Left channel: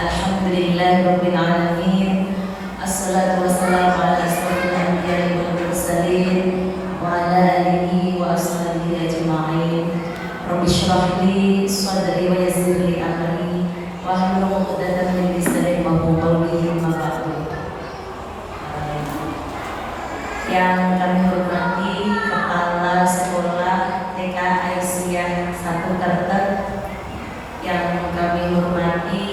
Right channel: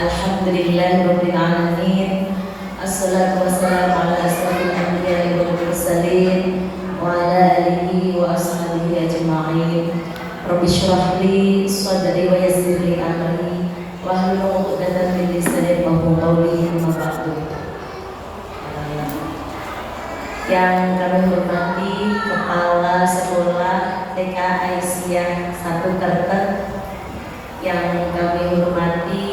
Alhamdulillahirabbil alamin. Assalatu wassalamu ala asyrofil anbiya'i wal mursalin wa ala alihi wa ashabihi ajma'in. Rabbi shrah li sadri wa yassir li amri wahlul 'uqdatam min lisani yafqahu qawli. Amma ba'du. Yang kami hormati Kepala Sekolah TK Aisyah 1 Kertek, yang kami hormati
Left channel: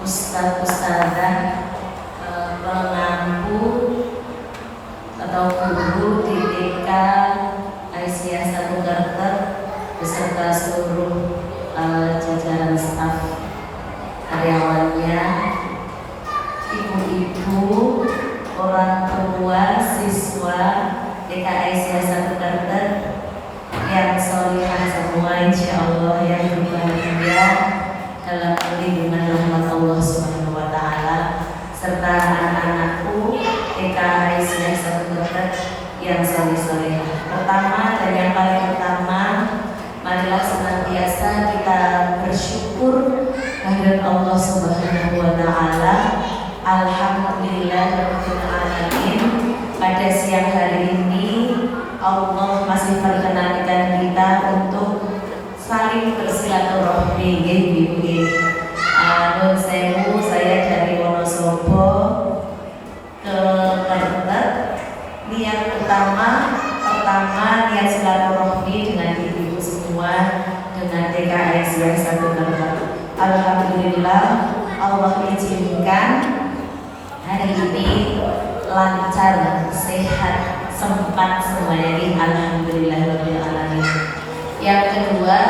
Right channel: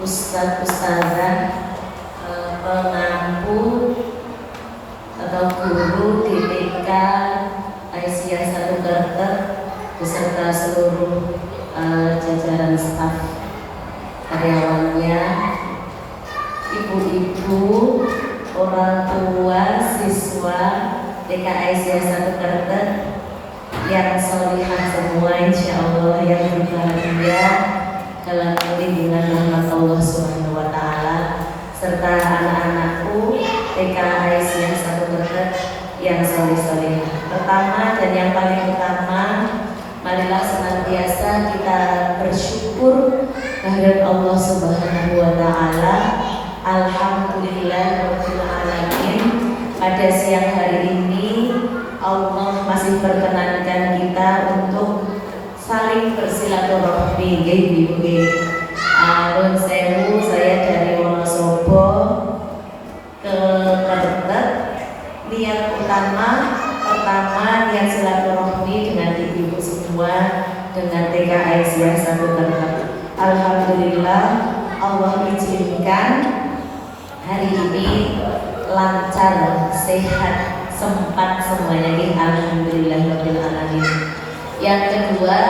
Ustadz-ustadzah, pengampu atau guru di TK Aisyah 1 Kertek beserta seluruh jajaran staf, karyawannya, ibu-ibu, orang tua, siswa TK Aisyah 1 Kertek yang solihah semua, insyaallah yang bahagia dalam lindungan rahmat Allah Subhanahu wa Ta'ala, serta anak-anakku TK Aisyah 1 Kertek yang solih-solih. Pertama dan yang paling utama, marilah senantiasa kita bersyukur kehadirat Allah Subhanahu wa Ta'ala. Alhamdulillahirabbil alamin. Pada siang hari ini Allah masih perkenankan kita untuk saling bersilaturahmi. Nun sewu, saya dari Wonosobo ke Kertek. Niat utama pertama, niat silaturahmi dengan ibu-ibu semua, dengan TK Aisyah 1 Kertek. Alhamdulillah Allah izinkan hari ini lancar, sehat, sempat semuanya. Alhamdulillahirabbil alamin. Yang kedua,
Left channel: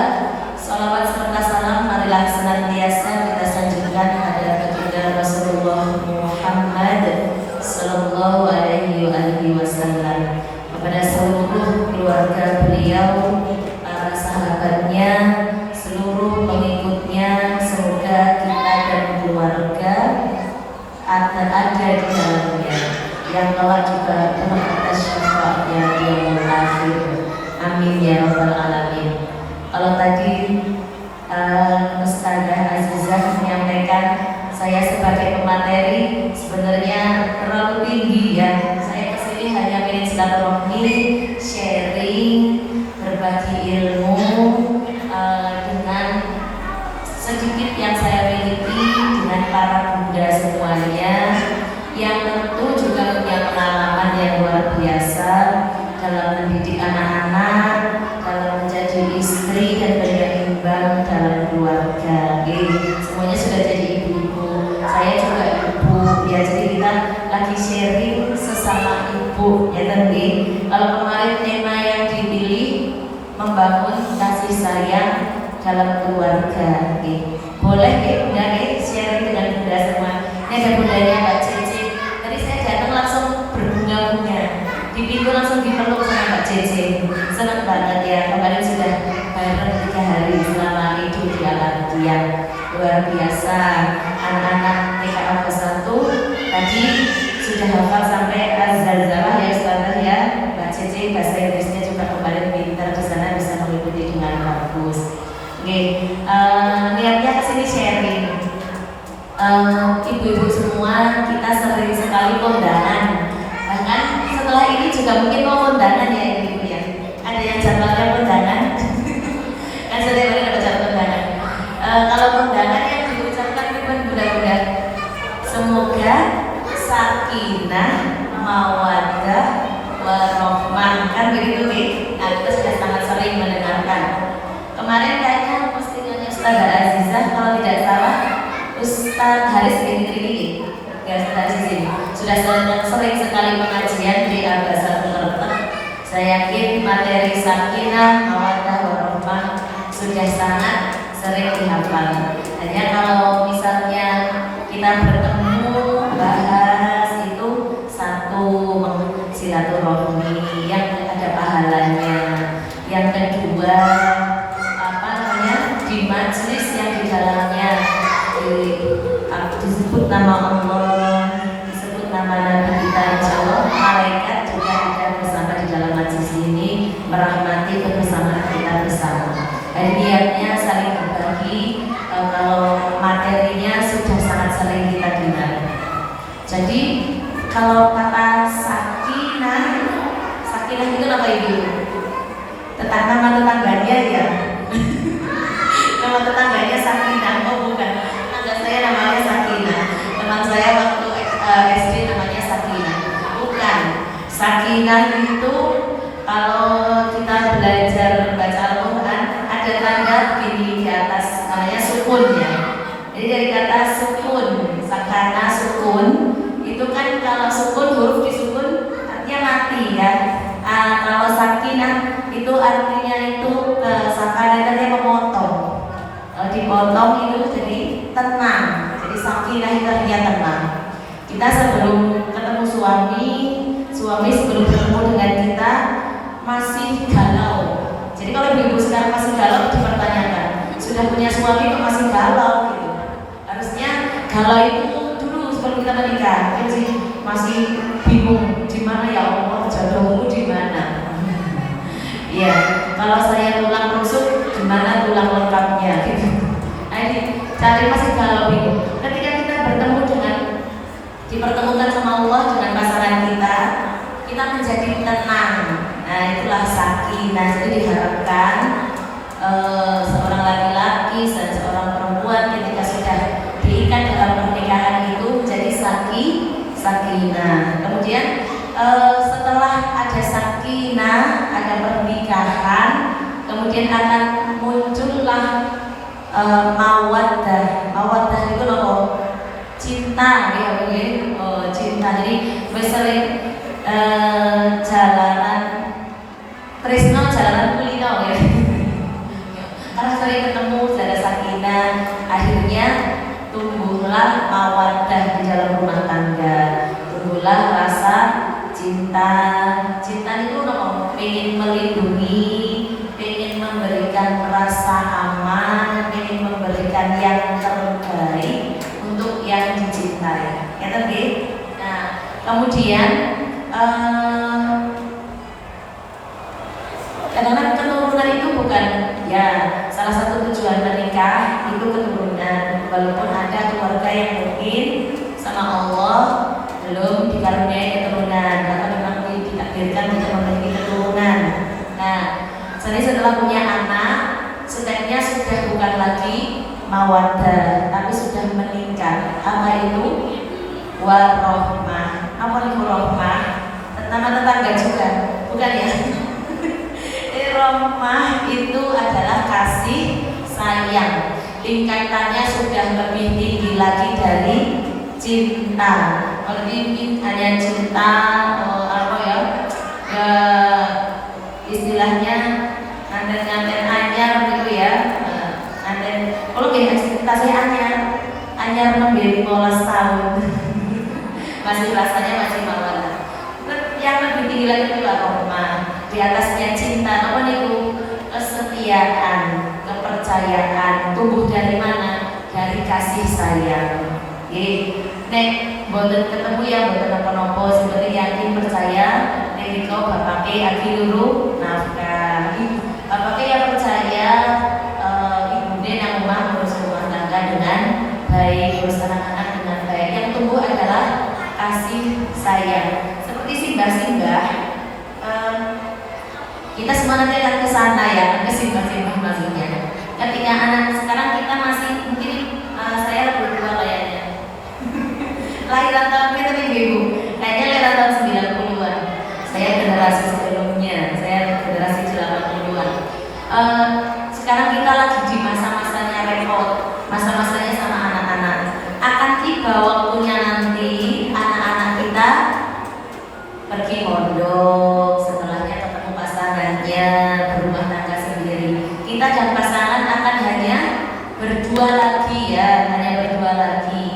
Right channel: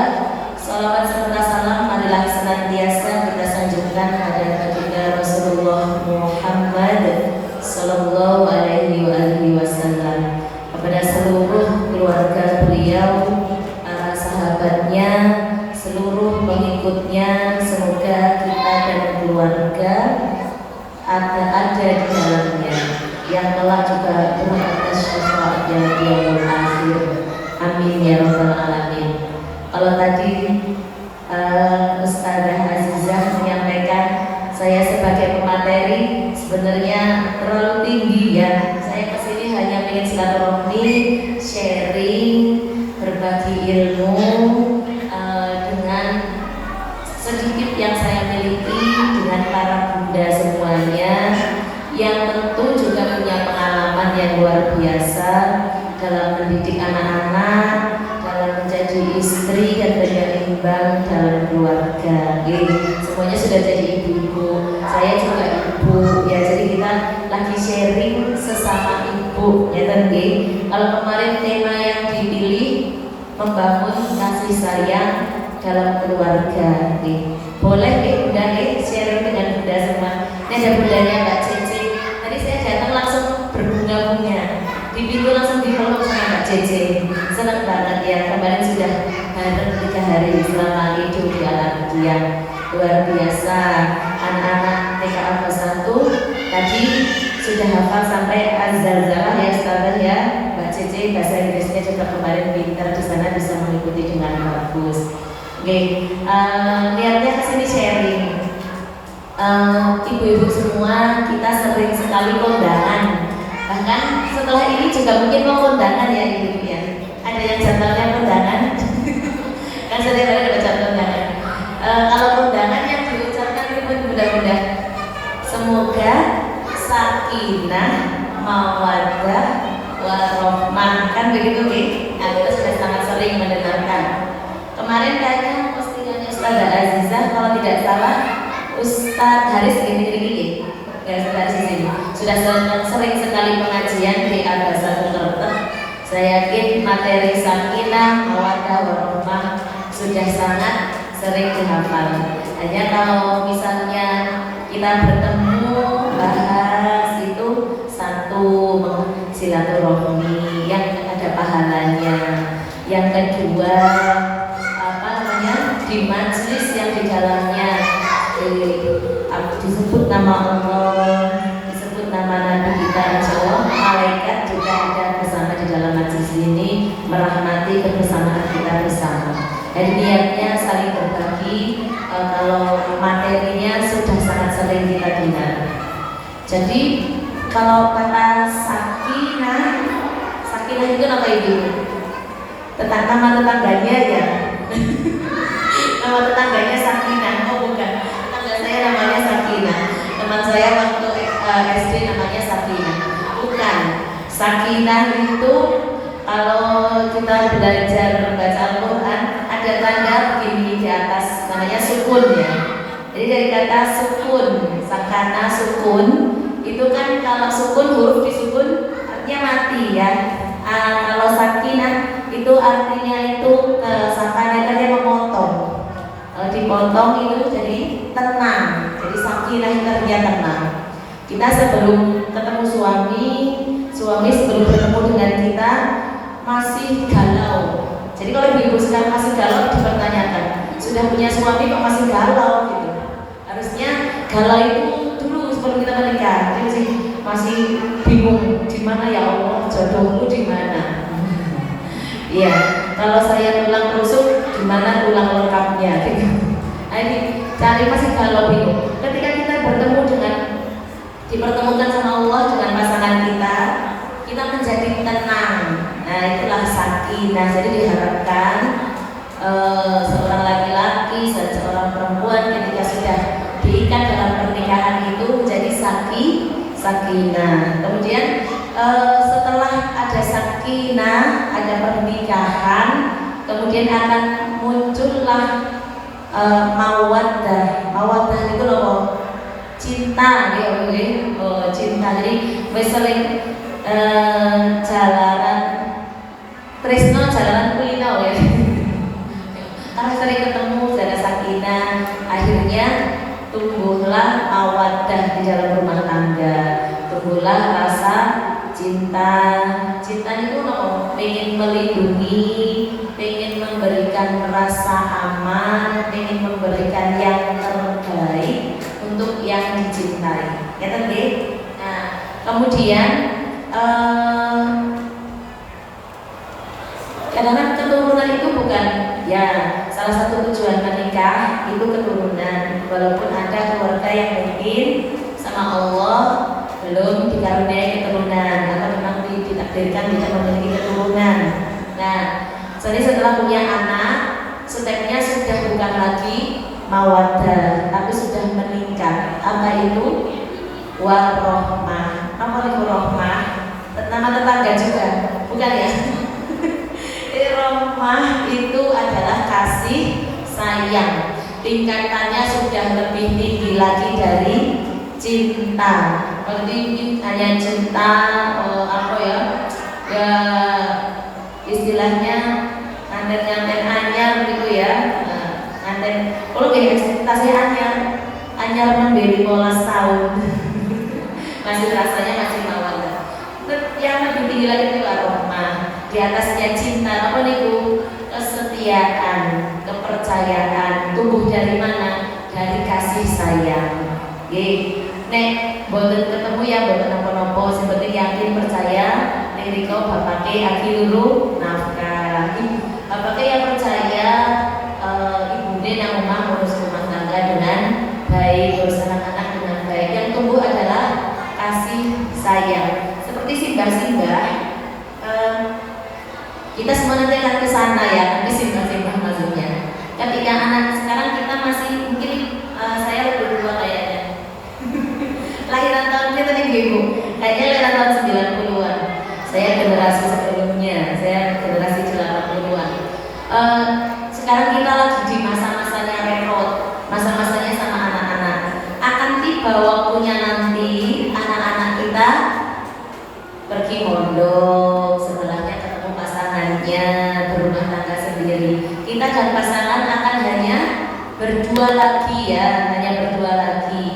salawat serta salam marilah senantiasa kita sanjungkan kepada baginda Rasulullah Muhammad sallallahu alaihi wasallam, kepada seluruh keluarga beliau, para sahabatnya, seluruh pengikutnya. Semoga kita dan keluarga ada di dalamnya yang telah juga atas syafaatnya di yaumul akhir. Amin ya rabbal alamin. Kalau tadi Ustazah Azizah menyampaikan saya sebagai pemateri sebenarnya terlalu tinggi ya. Saya kesini hanya ingin silaturahmi, sharing, berbagi ilmu dengan sedikit yang saya miliki dengan para bunda semuanya, yang tentu juga punya pengalaman yang luar biasa dalam mendidik anak-anak, dalam menjadi istri dan penyeimbang dalam keluarga. Semuanya sudah jadi ibu-ibu, saya juga ibu ya, jadi kita lagi sharing sesama ibu ya tadi. Kalau kemarin tema yang dipilih membangun kasih sayang dalam keluarga, boleh bunda sharing dengan bunda semua. Ini ada bundanya Mbak Cece. Tadi saya datang langsung berbunga-bunga, di pintu langsung dipeluk sama Mbak Cece. Senang banget ya, kemarin sudah bareng 3 hari selama hidup di alam dia. Luar biasa. Anak-anak TK Alfa 1 tadi sudah hafal sampai azal-zawah ya Ustazah ya. Mbak Cece bahasa Inggrisnya juga kemarin pintar, di sana bisa mengikuti dengan bagus. Niatnya kesini sharing. Ibu-ibu semua, kita sering sekali kondangan. Bahkan setelah ini juga mungkin mau kondangan ya ibu-ibu ya. Ada yang jadwalnya kondangan? Kan sering kali dapat jadwal kondangan. Kalau kondangan yang diucapkan itu bunda-bunda, semoga sakinah, mawaddah, warahmah, kan begitu nih. Nah, kita sudah sangat sering mendengarkan. Kemarin kayaknya postingannya Ustazah Azizah, kalau tidak salah Ustadz Haris gini-gini sudah sering sekali pengajian di Al-Ghazal Kertek. Saya yakin materi sakinah, mawaddah, warahmah sudah sangat sering dihafal. Hanya kalau misalnya kita bertemu bahas itu satu, silaturahmi yang ada pahalanya. Yang kedua, di majelis yang di dalamnya disebut nama Allah, disebut nama Nabi kita, insyaallah malaikat juga ada bersama di dalam majelis ini, merahmati kebersamaan kita bersama. Dan niatnya saling berbagi. Kalau materinya sudah Jadi kalau kata sakinah itu apa ibu? Nama tetangganya ya. Nama tetangganya Sakinah, oh bukan. Tetangga saya namanya Sakinah. Teman saya waktu SD namanya Sakinah. Bukan. Sakinah itu kalau kita belajar baca Al-Quran ada tanda gini di atas, namanya sukun ya. Jadi dari kata sukun, sakana sukun itu kan kalau sukun huruf disukun artinya mati ya. Kalau sakinah itu artinya itu sakana itu memotong. Kalau dipotong itu jadi tenang. Jadi sakinah itu artinya tenang. Kita sebelum ketemu suami sebelum bertemu dengan kita masih galau. Jadi kalau ibu sekarang masih galau dipertanyakan, sudah punya suami kok masih galau gitu. Harusnya galau itu dulu sebelum kita menikah. Jadi masih bingung di mana ya Allah jodohku di mana. Iya, kalau saya tulang rusuk gimana tulang lengkapnya gitu. Jadi cari masih galau bingung. Ketika kita bertemu dengan dipertemukan sama Allah dengan pasangan kita menjadi tenang. Nah itulah sakinah. Jadi diharapkan seorang laki-laki dan seorang perempuan ketika sudah diikat dalam pernikahan itu menjadi sakinah. Kemudian setelah ada sakinah, ada pernikahan, kemudian akan muncullah mawaddah. Mawaddah itu loh cinta ya, cinta. Jadi sering jalanan tresno, jalanan kulino ya. Karena sering ketemu ada sakinah, akhirnya tumbuhlah mawaddah di dalam rumah tangga, tumbuhlah rasa cinta. Cinta itu pengen melindungi, pengen memberikan rasa aman, pengen memberikan yang terbaik untuk yang dicintai. Ya tadi. Nah, kemudian karena keturunan itu bukan ya salah satu tujuan menikah itu keturunan. Walaupun ada keluarga yang mungkin sama Allah belum dikaruniai keturunan atau memang ditakdirkan untuk memiliki keturunan. Nah, jadi setelah punya anak, sebenarnya sudah bukan lagi mawaddah, tapi sudah meningkat. Apa itu? Warohmah. Apa itu rohmah? Nama tetangga juga, bukan ya? Rohmah itu adalah kasih sayang. Tingkatannya sudah lebih tinggi lagi dari cinta. Berarti hanya cinta apa ya? Ya istilahnya anten-anten anyar gitu ya. Anten. Kalau cinta saya anyar memberi 15 tahun. Masih rasanya masih mawaddah. Yang lebih tinggi lagi itu rohmah. Di atasnya cinta, apa itu? Kesetiaan, kepercayaan. Tumbuh dari mana? Dari kasih sayang. Nek boten ketemu ya boten apa-apa, seperti yakin percaya niriko bapake aki luru nafkah. Bapake yang percaya ibune nang omah ngurus rumah tangga dengan baik, ngurus anak-anak dengan baik. Yang tumbuh adalah kasih sayang. Seperti simbah-simbah, kita semua nanti akan ke sana ya, nanti simbah-simbah maksudnya. Ketika anak sekarang kita masih mungkin saya lebih tua kayaknya. Lahiran tahun kita nih ibu, kayaknya lahiran tahun 90-an. Saya generasi sebelumnya, saya generasi 80-an. Sekarang kita lagi di masa-masanya repot, masa-masanya sama anak-anak. Akan tiba waktunya nanti anak-anak kita pergi mondok, setelahnya ketemu pasangannya, berumah tangga sendiri. Kita dan pasangan akan hanya berdua lagi ya, hanya berdua lagi.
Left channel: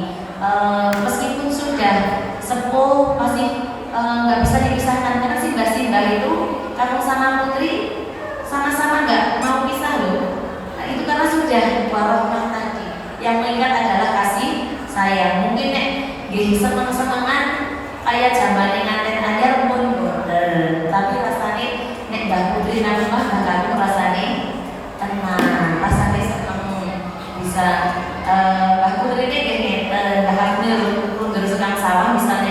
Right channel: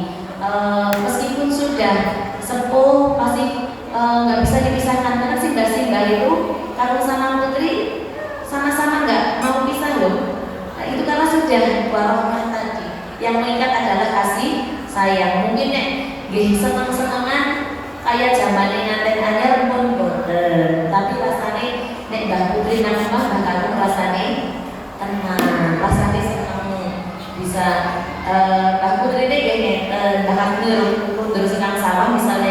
Meskipun sudah sepuh, masih nggak bisa dipisahkan. Karena simbah-simbah itu kalau sama putri sama-sama nggak mau pisah loh. Nah, itu karena sudah warohmah tadi. Yang mengikat adalah kasih sayang. Mungkin nek seneng-senengan kayak zaman ngaten aja pun boten. Tapi rasanya nek Mbak Putri nang omah bakal rasane tenang, rasane seneng bisa Mbak Putri nek ngeten, mundur sekang sawah misalnya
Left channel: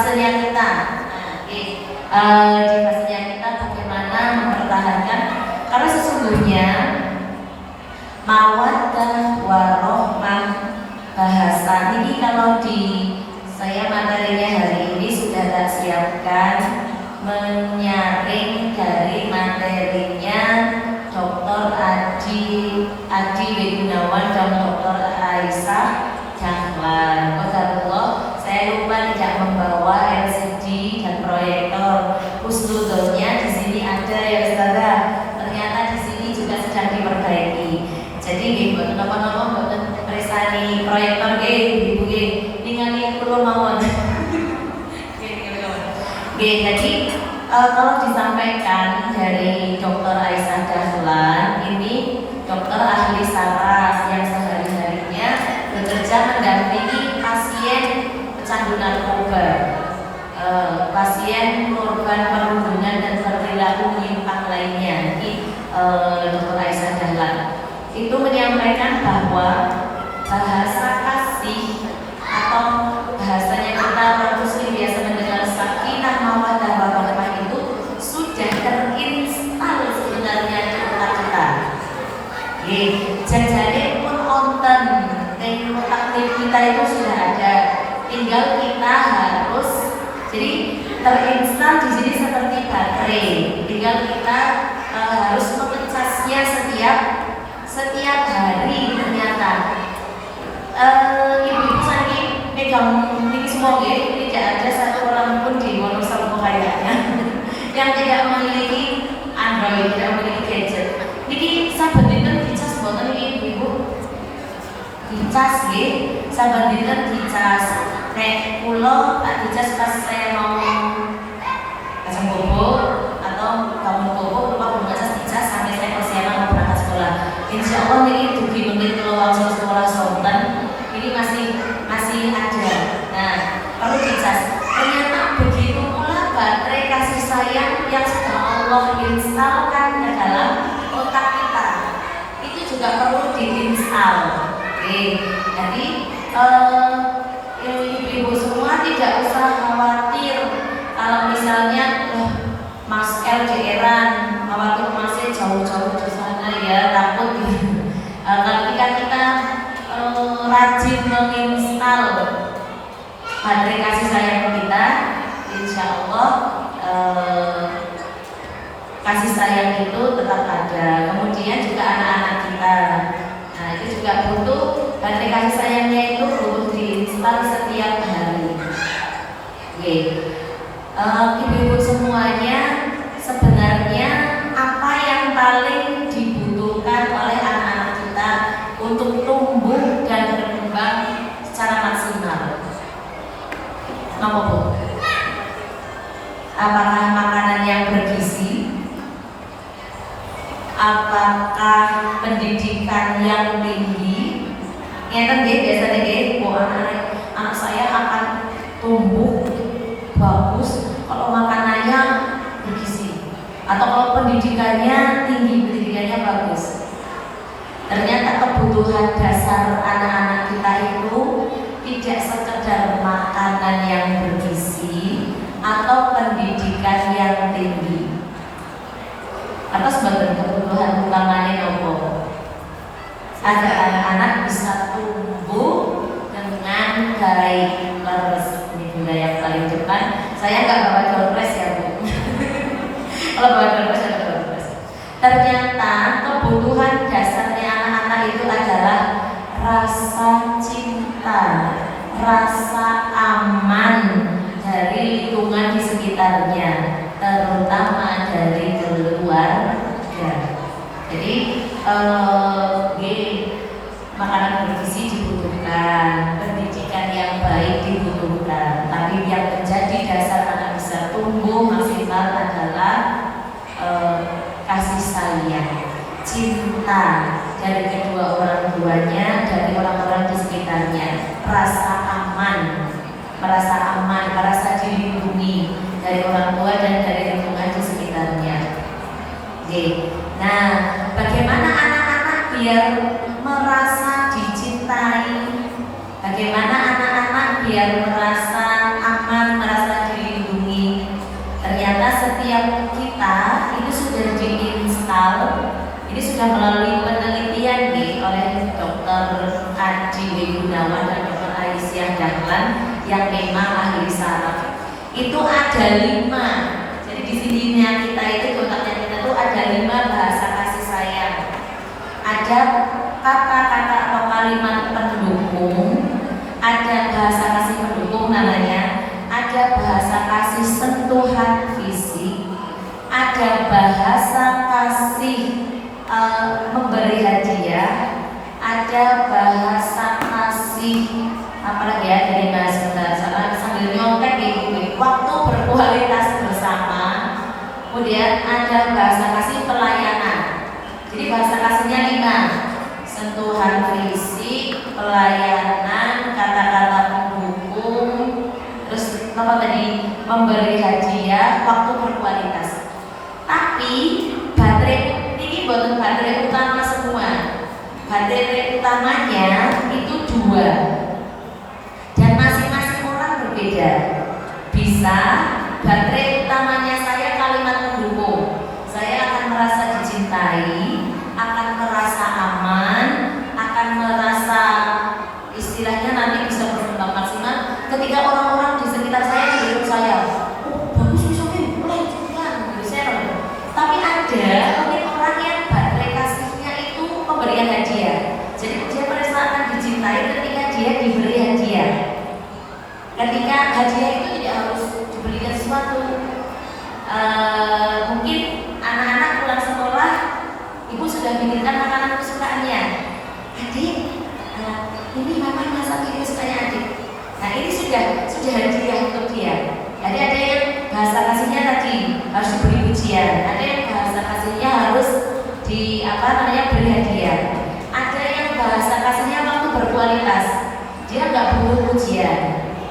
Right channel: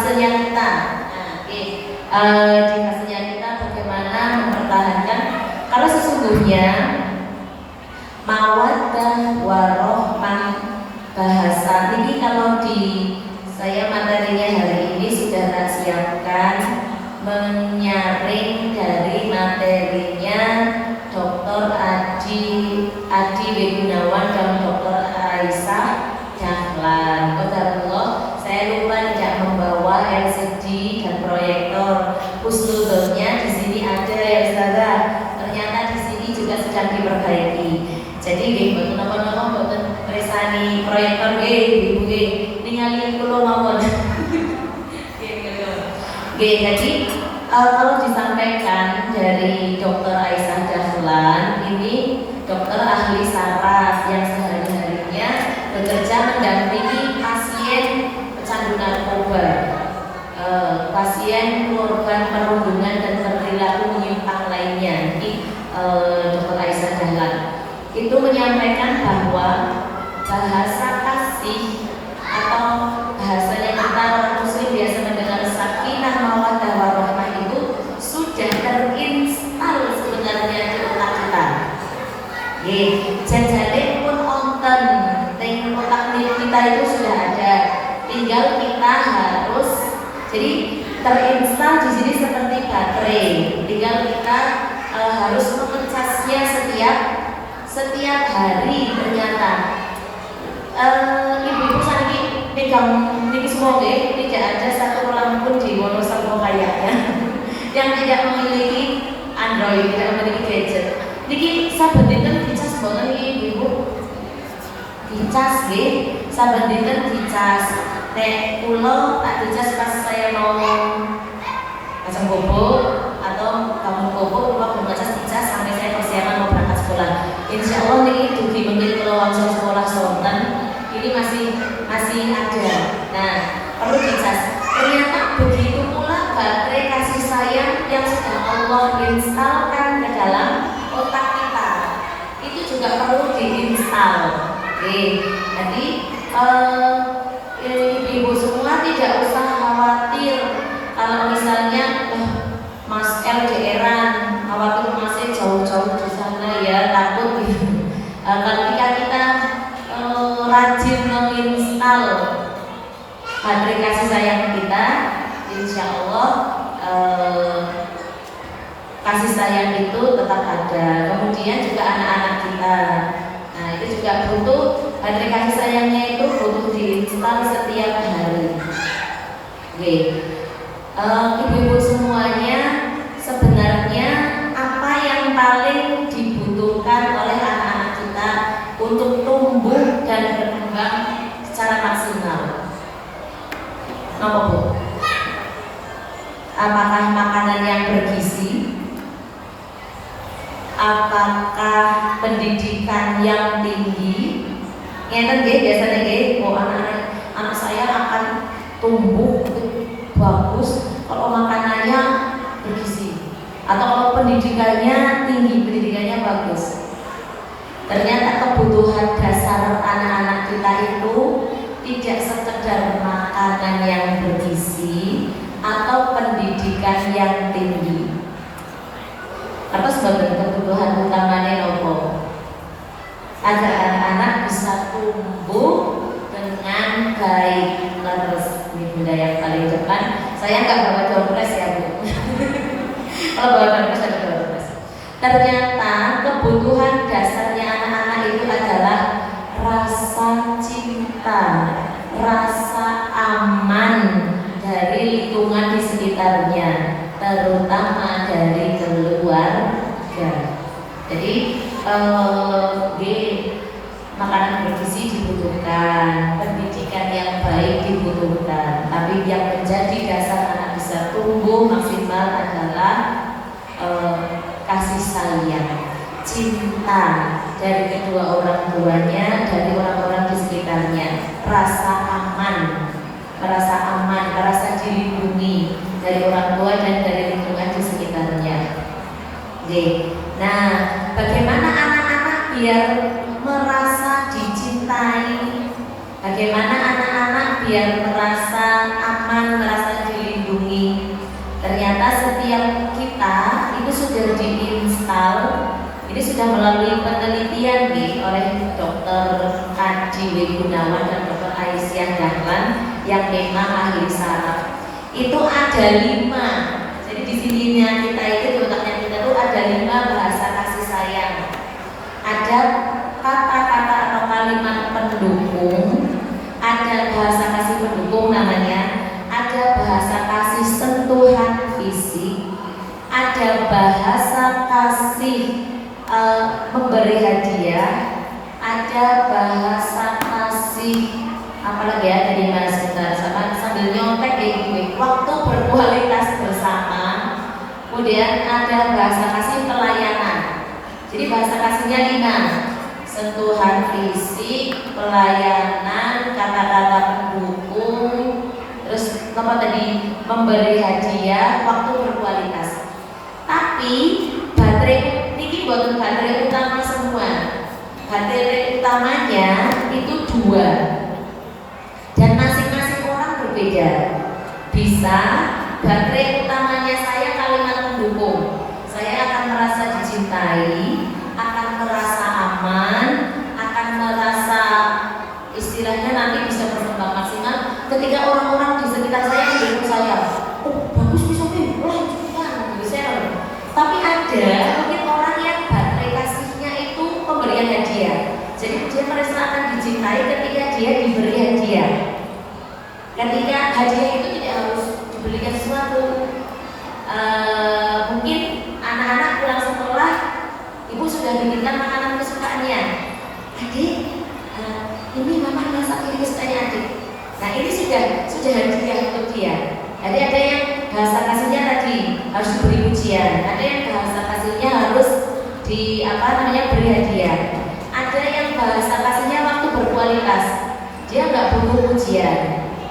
fasenya kita. Di fasenya kita bagaimana mempertahankan, karena sesungguhnya mawaddah warohmah bahasa ini kalau di saya materinya hari ini sudah tak siapkan menyaring dari materinya Dr. Adi Gunawan dan Dr. Aisyah Dahlan. Qadarullah, saya lupa tidak membawa LCD dan proyektor. Husnudonnya di sini ada ya saudara. Ternyata di sini juga sedang diperbaiki. Jadi nggih napa-napa mboten presani proyektor nggih Ibu nggih. Ningali kula mawon. Nggih, jadi kalau disampaikan dari Dr. Aisyah Dahlan, ini dokter ahli saraf yang sehari-harinya bekerja mendampingi pasien pecandu narkoba, pasien korban perundungan dan perilaku menyimpang lainnya. Jadi Dr. Aisyah Dahlan itu menyampaikan bahwa bahasa kasih atau bahasa yang kita orang muslim biasa mendengar sakinah mawaddah warahmah itu sudah terinstal sebenarnya di otak kita. Jajale pun konten ning otak kita itu sudah ada, tinggal kita harus jadi terinstal di sini seperti baterai, tinggal kita harus memecasnya setiap hari. Ternyata ibu-ibu sakit pegang ini semua tidak ada satu orang pun di Wonosobo kayaknya yang tidak memiliki Android, tidak memiliki gadget. Niki saben dinten dicas boten iki ibu-ibu? Dicas nggih, saben dinten dicas. Nek kula tak dicas pas saya mau pasang bobo atau kamu bobo, kula memecas dicas sampai saya persiapan mau berangkat sekolah. Insya Allah niki dugi mungkin kalau langsung sekolah sonten ini masih ada. Nah, perlu dicas. Ternyata begitu pula baterai kasih sayang yang sudah Allah instalkan ke dalam otak kita itu juga perlu diinstal. Jadi ibu-ibu semua tidak usah khawatir kalau misalnya Mas L daerah khawatir masih jauh-jauh di sana ya, takut gitu. Ketika kita rajin menginstal baterai kasih sayang kita, insya Allah kasih sayang itu tetap ada. Kemudian juga anak-anak kita, nah itu juga butuh baterai kasih sayangnya itu butuh diinstal setiap hari. Ibu-ibu semuanya, sebenarnya apa yang paling dibutuhkan oleh anak-anak kita untuk tumbuh dan berkembang secara maksimal? Apa Bu? Apakah makanan yang bergizi? Apakah pendidikan yang tinggi? Ngeten nggih biasanya nggih, anak saya akan tumbuh bagus kalau makanannya bergizi atau kalau pendidikannya tinggi, pendidikannya bagus. Ternyata kebutuhan dasar anak-anak kita itu tidak sekedar makanan yang bergizi atau pendidikan yang tinggi. Terus sebagai kebutuhan utamanya apa? Agar anak-anak bisa tumbuh dengan baik. Terus ini budaya yang paling depan. Saya nggak bawa dompet ya Bu. Kalau bawa dompet ada dompet. Ternyata kebutuhan dasarnya anak-anak itu adalah rasa cinta, rasa aman dari lingkungan di sekitarnya, terutama dari keluarga. Jadi makanan bergizi dibutuhkan, pendidikan yang baik dibutuhkan, tapi yang menjadi dasar anak bisa tumbuh maksimal adalah kasih sayang, cinta dari kedua orang tuanya, dari orang-orang di sekitarnya, rasa aman, merasa dilindungi dari orang tua dan dari lingkungan di sekitarnya. Nah, bagaimana anak-anak biar merasa dicintai? Bagaimana anak-anak biar merasa aman, merasa memang ahli saraf. Itu ada 5. Jadi di sininya kita itu di otaknya kita tuh ada 5 bahasa kasih sayang. Ada kata-kata atau kalimat pendukung, ada bahasa kasih pendukung namanya, ada bahasa kasih sentuhan fisik, ada bahasa kasih memberi hadiah, ada bahasa kasih apalagi ya, dari bahasa sama sambil nyontek di waktu berkualitas bersama. Kemudian ada bahasa kasih pelayanan. Jadi bahasa kasihnya 5: sentuhan fisik, pelayanan, kata-kata pendukung, terus apa tadi, memberi hadiah, waktu berkualitas. Tapi baterai ini buat baterai utama semua. Baterai utamanya itu 2 dan masing-masing orang berbeda. Bisa baterai utamanya saya kalimat pendukung. Saya akan merasa dicintai, akan merasa aman, akan merasa istilahnya nanti bisa berkembang maksimal ketika orang-orang di sekitar saya mendukung saya. Oh bagus bisa nih, lanjutkan, share. Tapi ada orang yang baterai kasihnya itu pemberian hadiah. Jadi dia merasa akan dicintai ketika dia diberi hadiah. Ketika hadiah itu tidak harus dibelikan sesuatu. Mungkin anak-anak pulang sekolah, ibu sudah belikan makanan kesukaannya. Adik, ini mama masak ini kesukaannya adik. Nah ini sudah hadiah untuk dia. Jadi ada yang bahasa kasihnya tadi harus diberi pujian, ada yang bahasa kasihnya harus beri hadiah. Ada yang bahasa kasihnya waktu berkualitas. Dia nggak butuh pujian,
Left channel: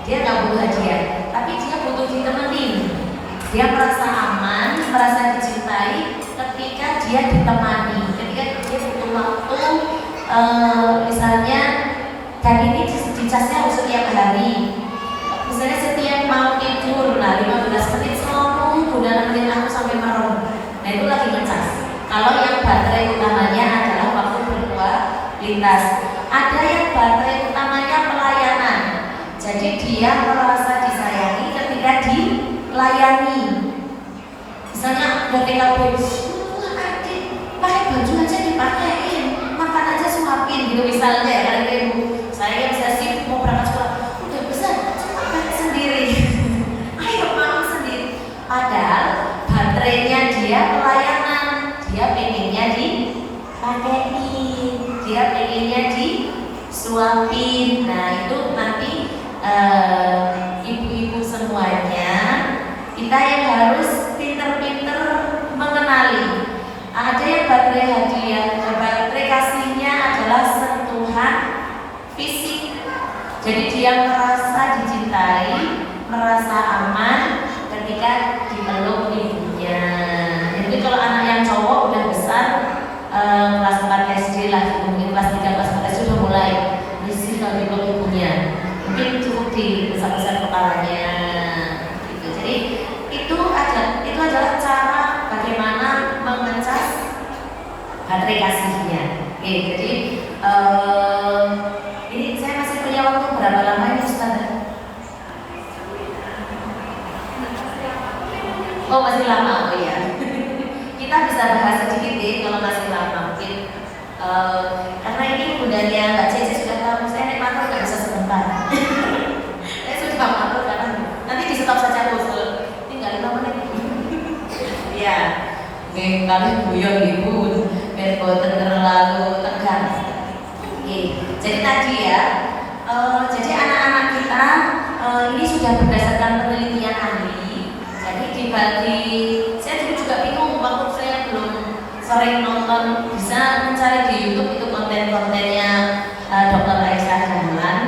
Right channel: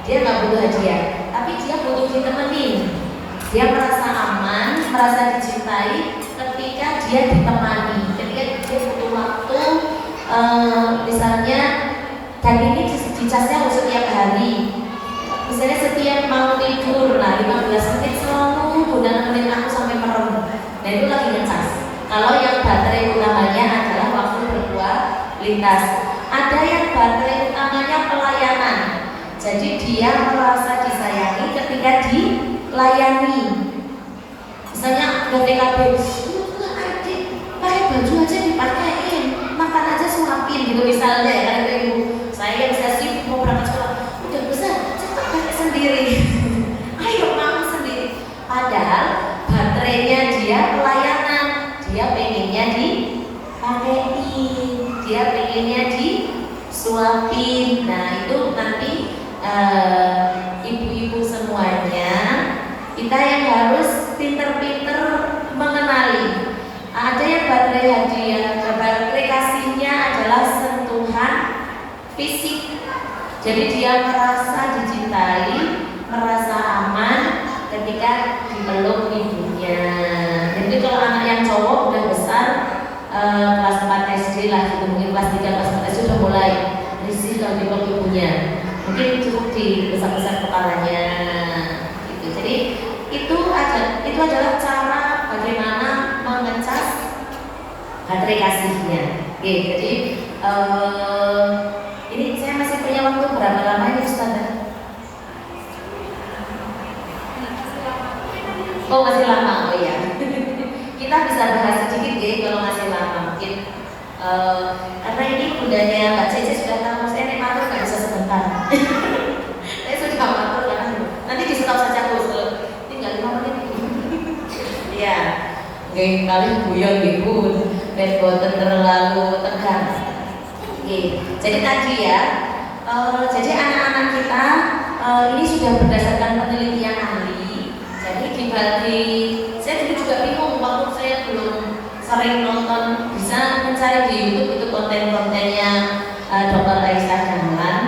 dia nggak butuh hadiah, tapi dia butuh ditemenin. Dia merasa aman, merasa dicintai ketika dia ditemani, ketika dia butuh waktu. Misalnya, dan ini dicasnya harus setiap hari. Misalnya setiap mau tidur, 15 menit selalu udah nemenin aku sampai merem. Dan itu lagi ngecas. Kalau yang baterai utamanya adalah waktu berkualitas. Ada yang baterai utamanya pelayanan. Jadi dia merasa disayangi ketika dilayani. Misalnya udah TKP, adik, pakai baju aja dipakein, makan aja suapin gitu misalnya. Karena ibu saya sibuk mau berangkat sekolah, udah besar, coba pakai sendiri. Ayo makan sendiri. Padahal baterainya dia pelayanan, dia pengennya dipakein, dia pengennya disuapin. Nah itu nanti ibu-ibu semuanya, kita yang harus pinter-pinter mengenali. Ada yang baterai hadiah, baterai kasihnya adalah sentuhan fisik. Jadi dia merasa dicintai, merasa aman ketika dipeluk ibunya. Jadi kalau anak yang cowok udah besar, kelas 4 SD lah, mungkin kelas 3, kelas 4 SD sudah mulai risih kalau dipeluk ibunya. Mungkin cukup dibesar-besar kepalanya gitu. Jadi itu adalah cara bagaimana mengecas baterai kasihnya. Oke, jadi ini saya masih punya waktu berapa lama ini Ustaz? Oh masih lama, oh ya. Kita bisa bahas sedikit deh kalau masih lama mungkin. Karena ini bundanya Mbak Cece sudah tahu, saya naik motor nggak bisa sebentar. Saya sudah motor kan, nanti di stop saja usul. Tinggal 5 menit. Iya, nggak kali guyon ibu, biar boten terlalu tegang. Oke, jadi tadi ya, jadi anak-anak kita ini sudah berdasarkan penelitian ahli. Jadi dibagi, saya juga bingung waktu saya belum sering nonton, bisa mencari di YouTube itu konten-kontennya Dr. Aisyah Dahlan.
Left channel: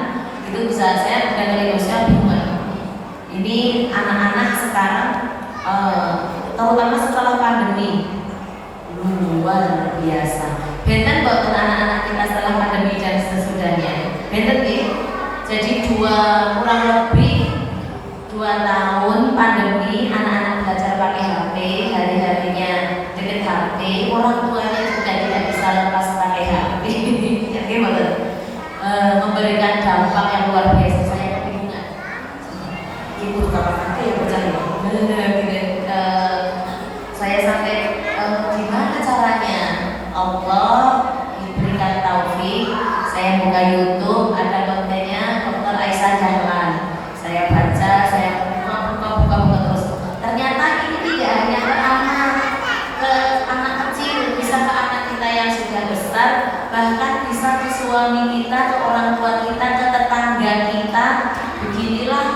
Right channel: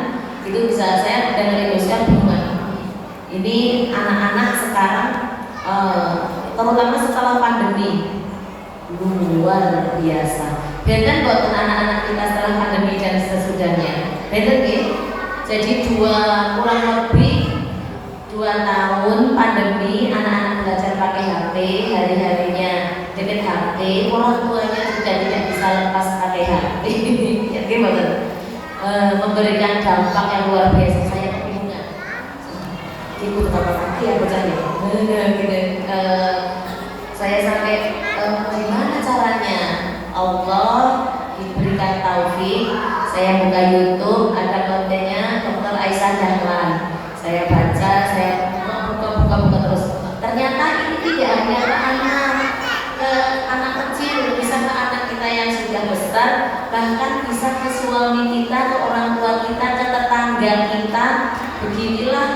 Itu bisa saya dan Aisyah bingung. Ini anak-anak sekarang, terutama setelah pandemi, luar biasa. Benten kok anak-anak kita setelah pandemi dan sesudahnya. Benten ya. Jadi kurang lebih 2 tahun pandemi, anak-anak belajar pakai HP, hari-harinya dengan HP, orang tuanya juga tidak bisa lepas pakai HP. Jadi memberikan dampak yang luar biasa. Saya kebingungan. Saya sampai gimana caranya Allah diberikan taufik, saya buka YouTube ada kontennya Dr. Aisyah Dahlan, saya baca, saya buka terus. Ternyata ini tidak hanya anak kecil, bisa ke anak kita yang sudah besar, bahkan bisa ke suami kita, ke orang tua kita, ke tetangga kita. Beginilah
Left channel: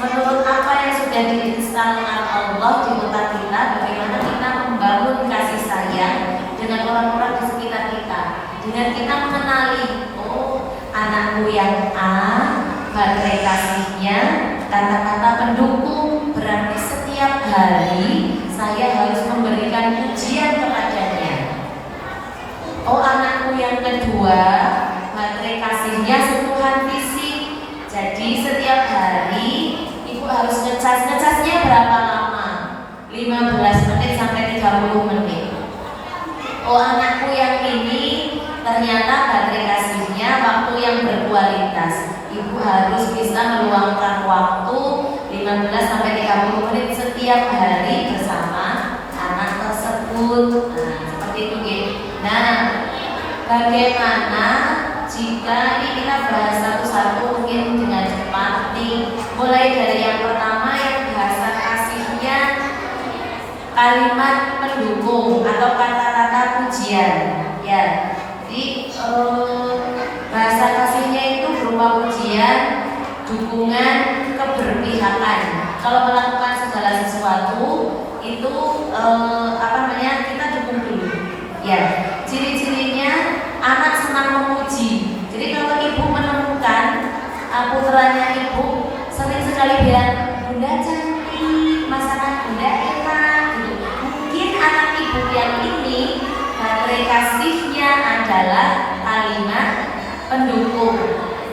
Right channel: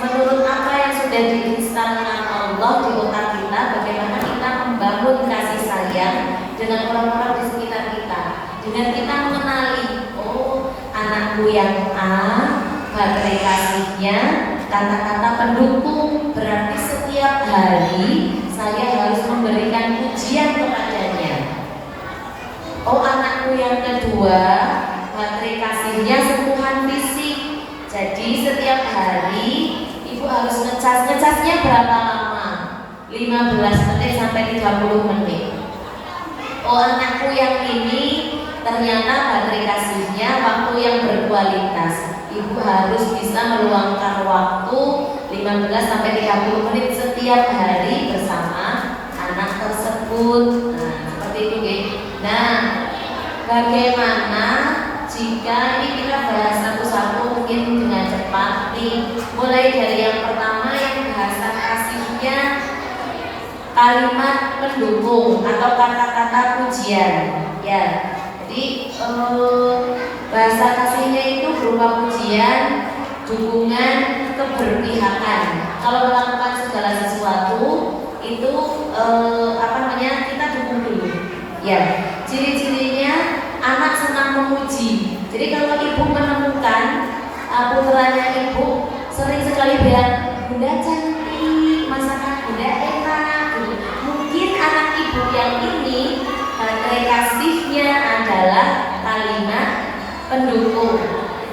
menurut apa yang sudah diinstalkan Allah di otak kita, bagaimana kita membangun kasih sayang dengan orang-orang di sekitar kita, dengan kita mengenali, oh anakku yang A, baterai kasihnya kata-kata pendukung, berarti setiap hari saya harus memberikan pujian kepadanya. Oh anakku yang kedua, baterai kasihnya sentuhan fisik, jadi setiap hari ibu harus ngecasnya berapa lama? 15 menit sampai 30 menit. Oh anakku yang ini ternyata baterai kasihnya waktu yang berkualitas, ibu harus bisa meluangkan waktu 15 sampai 30 menit setiap hari bersama anak tersebut. Nah seperti itu. Nah bagaimana jika ini kita bahas satu-satu mungkin dengan cepat nih, mulai dari yang pertama yang bahasa kasihnya kalimat pendukung atau kata-kata pujian ya. Jadi bahasa kasihnya itu berupa pujian, dukungan, keberpihakan. Kalau melakukan segala sesuatu itu kita dukung dulu ya. Ciri-cirinya anak senang memuji. Jadi kalau ibu menemukan putranya ibu sering sekali bilang bunda cantik, masakan bunda enak gitu, mungkin anak ibu yang ini baterai kasihnya adalah kalimat pendukung.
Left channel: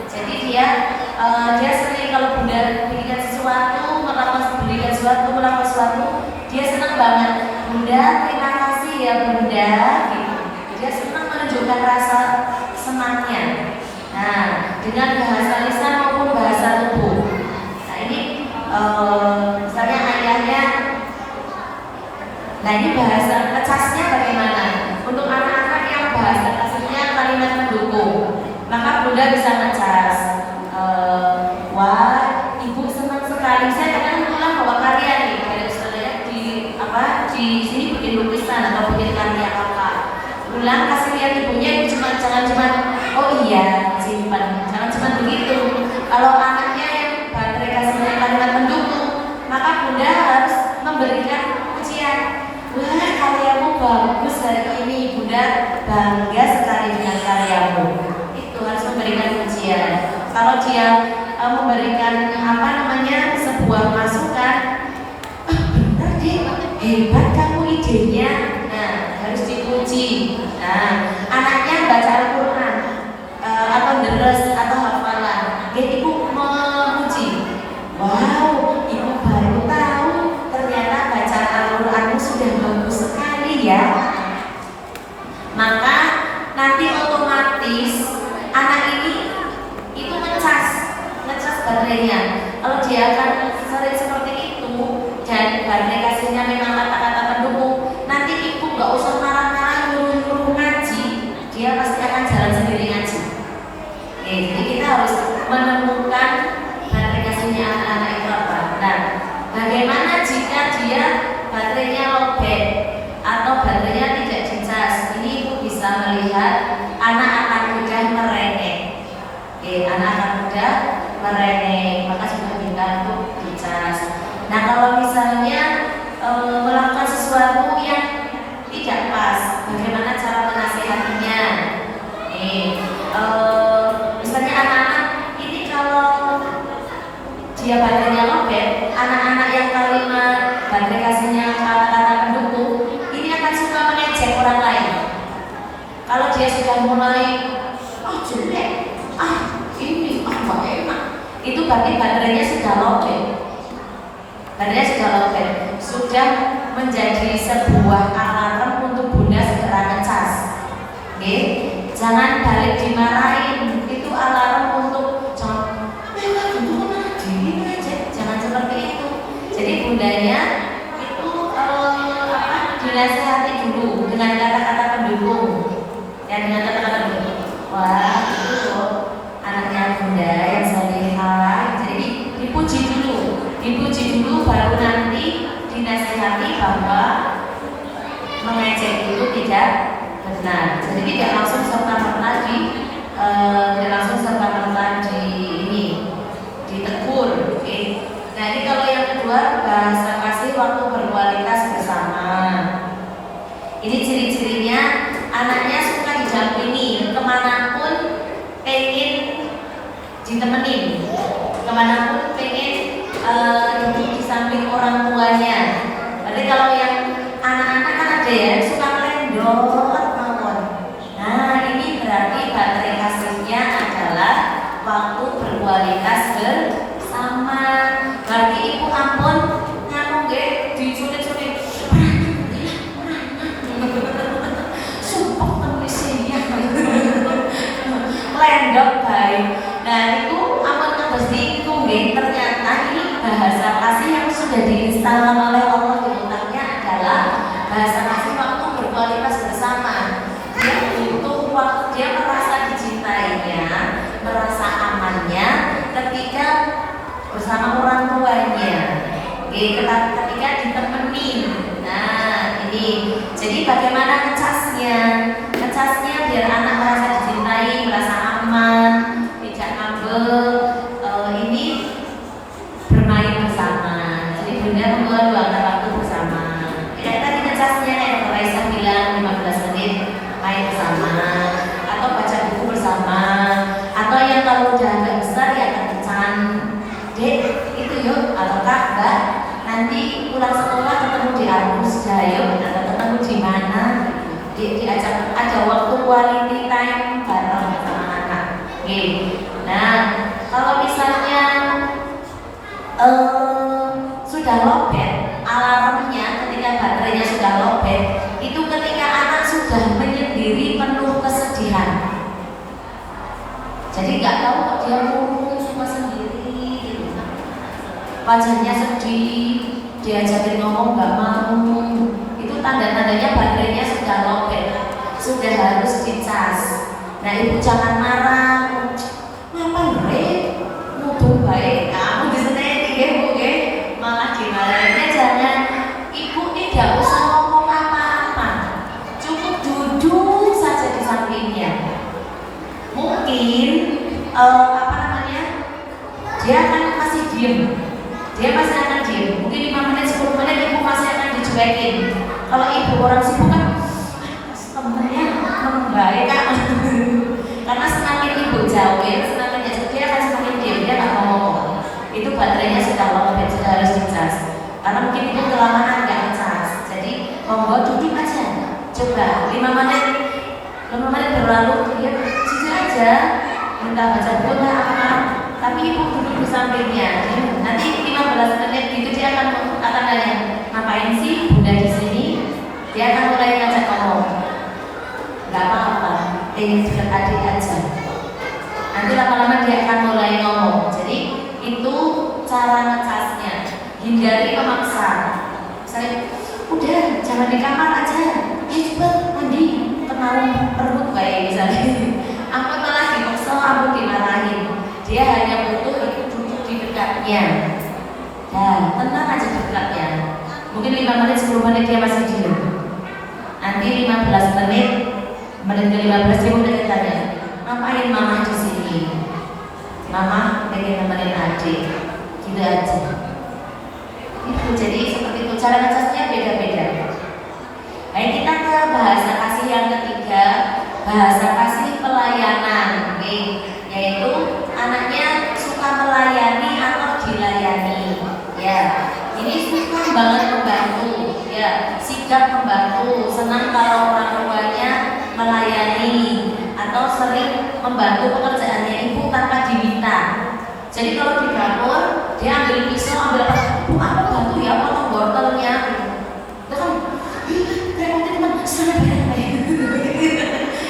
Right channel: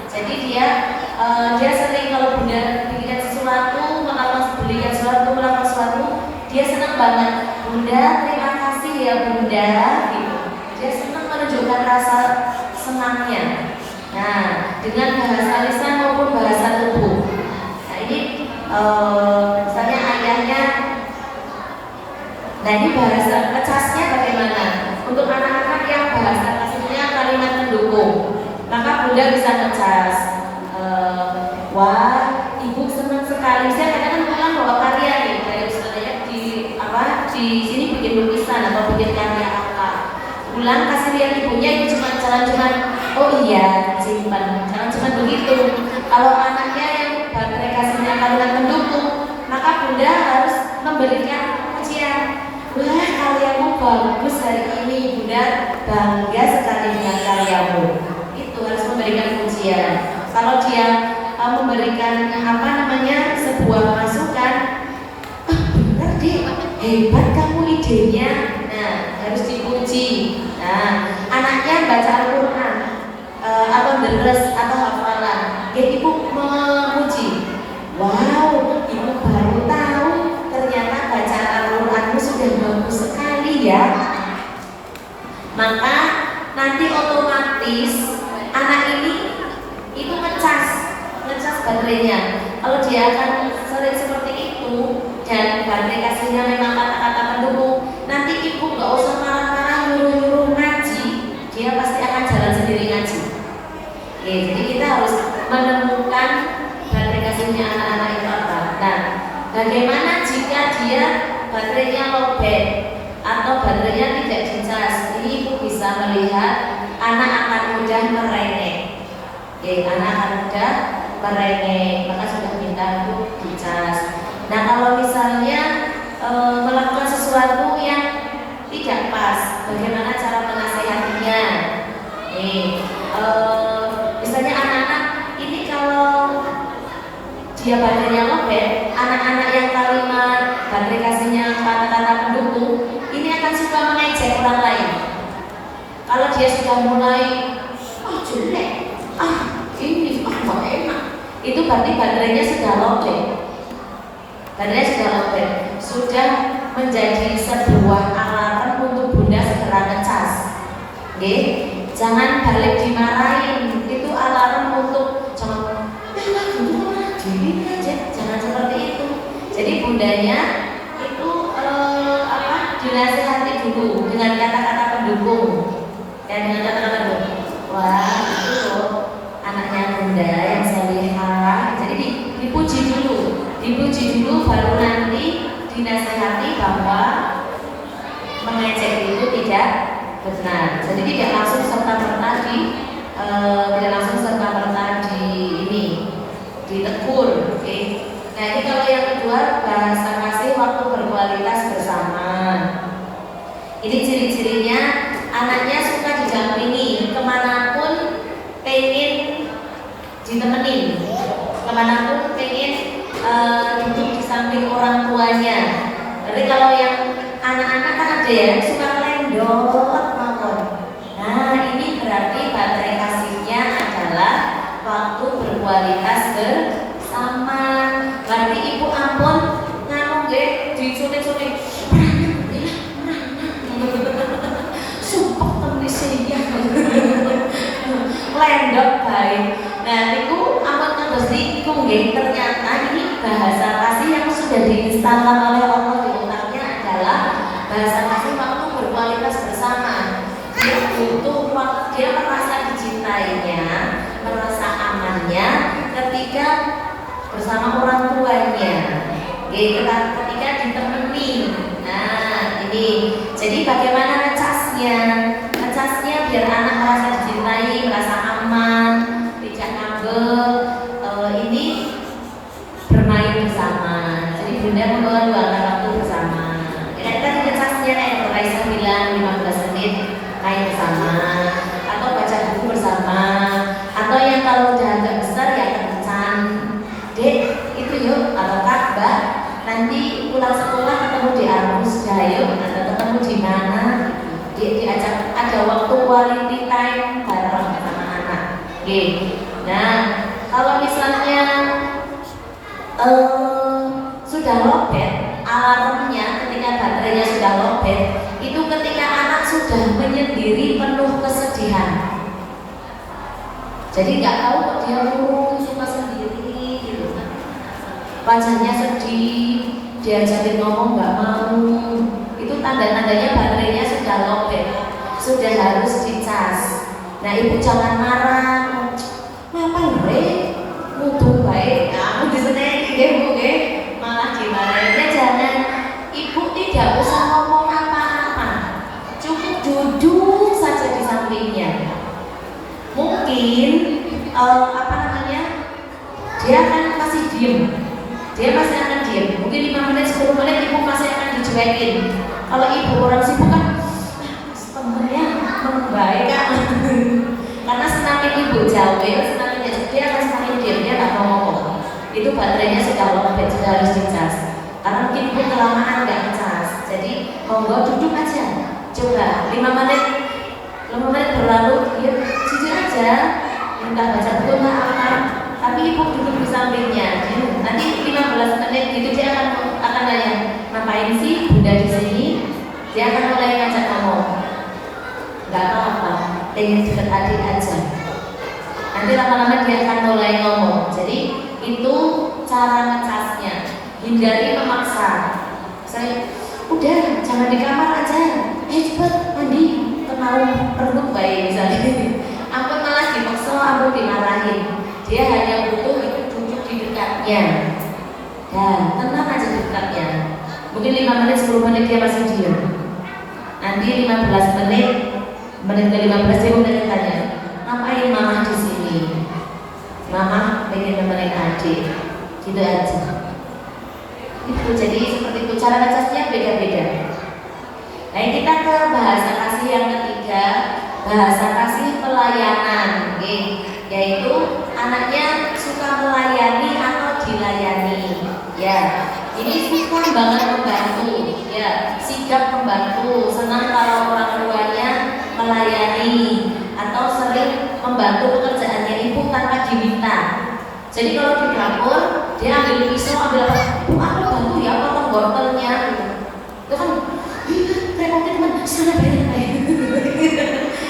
Jadi dia sering kalau bunda berikan sesuatu, belikan sesuatu, melakukan sesuatu, dia senang banget. Bunda terima kasih ya bunda gitu. Dia senang menunjukkan rasa senangnya. Nah, dengan bahasa lisan maupun bahasa tubuh. Nah ini misalnya ayahnya. Nah ini bahasa ngecasnya bagaimana? Untuk anak-anak yang bahasa kasihnya kalimat mendukung, maka bunda bisa ngecas. Wah, ibu senang sekali. Saya kadang-kadang bawa karya nih dari saya di sini bikin lukisan atau bikin karya apa. Pulang kasih lihat ibunya, cuma jalan-jalan. Oh iya, simpan. Jangan cuma begitu. Kalau anaknya yang baterai kasihnya kalimat mendukung, maka bunda harus memberikan pujian. Wah, karyamu bagus hari ini, bunda bangga sekali dengan karyamu. Itu harus memberikan pujian. Kalau dia memberikan sebuah masukan, benar deh, hebat kamu idenya. Nah, harus dipuji. Nah, anaknya baca Al-Quran deres atau hafalan, ibu memuji. Wow, ibu baru tahu ternyata baca Al-Quranmu sudah bagus sekali ya. Maka nanti otomatis anak ini itu ngecas baterainya. Kalau dia akan sering seperti itu dan baterai kasihnya memang kata-kata pendukung, nanti ibu nggak usah marah-marah nyuruh ngaji, dia pasti akan jalan sendiri ngaji. Jadi kita harus menemukan baterai kasihnya anak-anak itu apa. Nah, bagaimana jika dia baterainya lobet atau baterainya tidak dicas? Ini ibu bisa melihat anak akan mudah merengek. Anak akan mudah merengek, maka sudah minta untuk dicas. Nah, kalau misalnya melakukan sesuatu yang tidak pas, bagaimana cara menasehatinya? Misalnya anak-anak ini kalau dia baterainya lobet, anak-anak yang kalimat baterai kasihnya kata-kata pendukung, ini akan suka mengejek orang lain. Kalau dia sudah mulai jelek, ini nggak enak, itu berarti baterainya sudah lobet. Baterainya sudah lobet, sudah menjadi sebuah alarm untuk bunda segera ngecas. Jangan balik dimarahin, itu alarm untuk jangan seperti itu. Jadi ketika ditemani. Nah, ini. Jadi bagaimana ngecasnya? Ngecasnya biar anak merasa dicintai, merasa aman, tidak ngambek. Ini bermain bersama. Jadi bunda meluangkan waktu bersama. Ya tadi ngecasnya yang Raisa bilang 15 menit main bersama, atau baca buku bersama, atau yang kalau udah agak besar ya kencan. Dek, itu yuk, atau kak, mbak, nanti pulang sekolah ketemu di Armus Jayo, atau ketemu di mana? Diajak ada waktu quality time bareng sama anak. Oke. Nah, kalau misalnya sudah lowbat alarmnya, ketika baterainya sudah lowbat, itu ketika anak sudah menyendiri penuh kesedihan. Jadi nggak tahu kok dia murung cuma sendiri gitu. Wajahnya sedih, diajakin ngomong nggak mau. Itu tanda-tandanya baterainya sudah lowbat, sudah harus dicas. Nah, ibu jangan marah. Ngapain nuduh baik, aku diseneni nggih Bu nggih, malah dimarahinnya. Jangan, ibu tidak usah ngomong apa-apa, cukup duduk saja di sampingnya. Mungkin apa namanya, dia akan masih diem, dia masih akan diem. Mungkin 5 menit 10 menit ibu masih akan dicuekin. Kalau ibu orang sibuk kan sebenarnya membaik kan. Karena semakin ibu jauh, semakin dia akan semakin diam, dia nggak mau ngomong. Itu baterainya sudah lowbat, sudah harus dicas. Karena mungkin ibu kelamaan nggak ngecas. Jadi monggo duduk aja, coba 5 menit berlalu, dia jujur aja minta baca buku nggak apa, tapi ibu duduk di sampingnya. Nanti 15 menit gitu dia akan nanya, ngapain sih bunda di sini? Dia akan mulai ngajak ngomong. Nggak apa-apa, ingin dekat adik aja. Nanti lama-lama dia akan mulai ngomong. Jadi itu cara ngecasnya. Hindari memaksa. Saya udah jangan di kamar aja. Cepet mandi, terlalu perut bayi misalnya. Aku malah dipaksa, aku dimarahin. Dia hanya butuh itu duduk di dekatnya. Nah, tenang aja dekatnya. Mungkin 5 menit 10 menit dia masih diam. Nanti 15 menit ke-15 dia mulai tanya, ngapain mama di sini? Mama pengen nemenin adik, gitu aja. Itu jadi seperti itu, cara ngecasnya beda-beda. Nah, kita ke bahasa kasih yang ketiga, bahasa kasih pelayanan, yaitu anaknya suka melayani atau dilayani. Ya, ini suka banget membantu, ya, sigap membantu, senang kalau orang tuanya melayani atau sering membantu pekerjaannya ibu tanpa diminta. Jadi kalau di dapur dia ambil pisau, ambil aku bantu ya potong wortelnya. Terus teman-teman silakan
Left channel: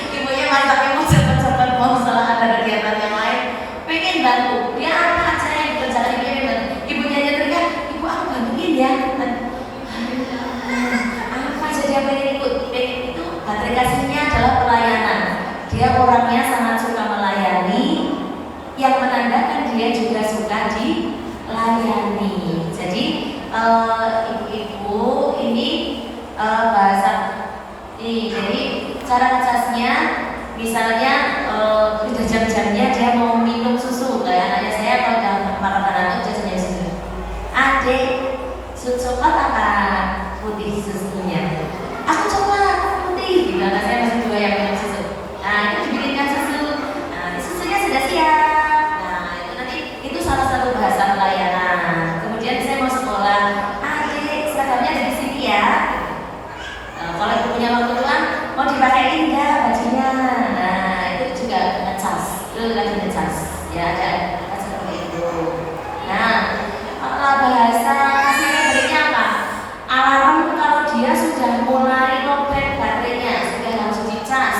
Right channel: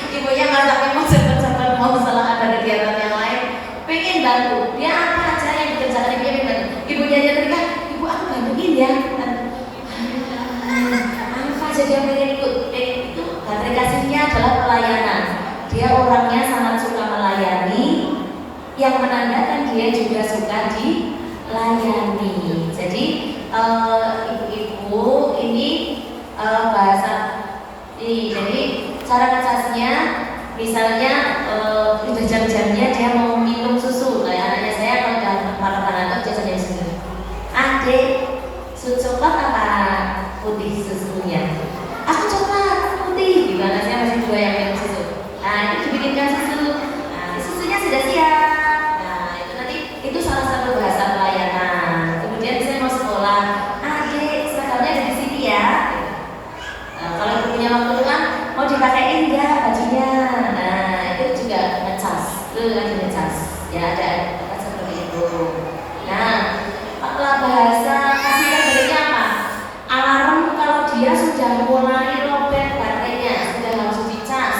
ibunya masaknya mau cepet-cepet, mau setelah ada kegiatan yang lain pengen bantu, dia apa aja yang dikerjakan dia. Ibunya nyetrika, ibu aku bantuin ya. Apa aja dia pengen ikut, itu baterai kasihnya adalah pelayanan. Dia orangnya sangat suka melayani, yang menandakan dia juga suka dilayani. Jadi ibu-ibu ini bahasa ini, jadi cara ngecasnya misalnya udah jam-jamnya dia mau minum susu. Nah, saya kalau dalam makanan itu biasanya susu. Adik, susu apa putih susunya? Aku coklat putih. Gimana, saya masih juga yang minum susu. Nah, itu dibikinkan susu. Nah, susunya sudah siap. Nah, itu nanti itu salah satu bahasa pelayanan. Kemudian saya mau sekolah, adik seragamnya dari sini ya. Nah, kalau ibu punya waktu luang mau dipakein nggak bajunya? Nah, itu juga ngecas, itu lagi ngecas. Ya, ada seperti itu. Nah, apa bahasa kasih yang apa? Alarm kalau dia sudah mulai lowbat baterainya, sudah harus dicas.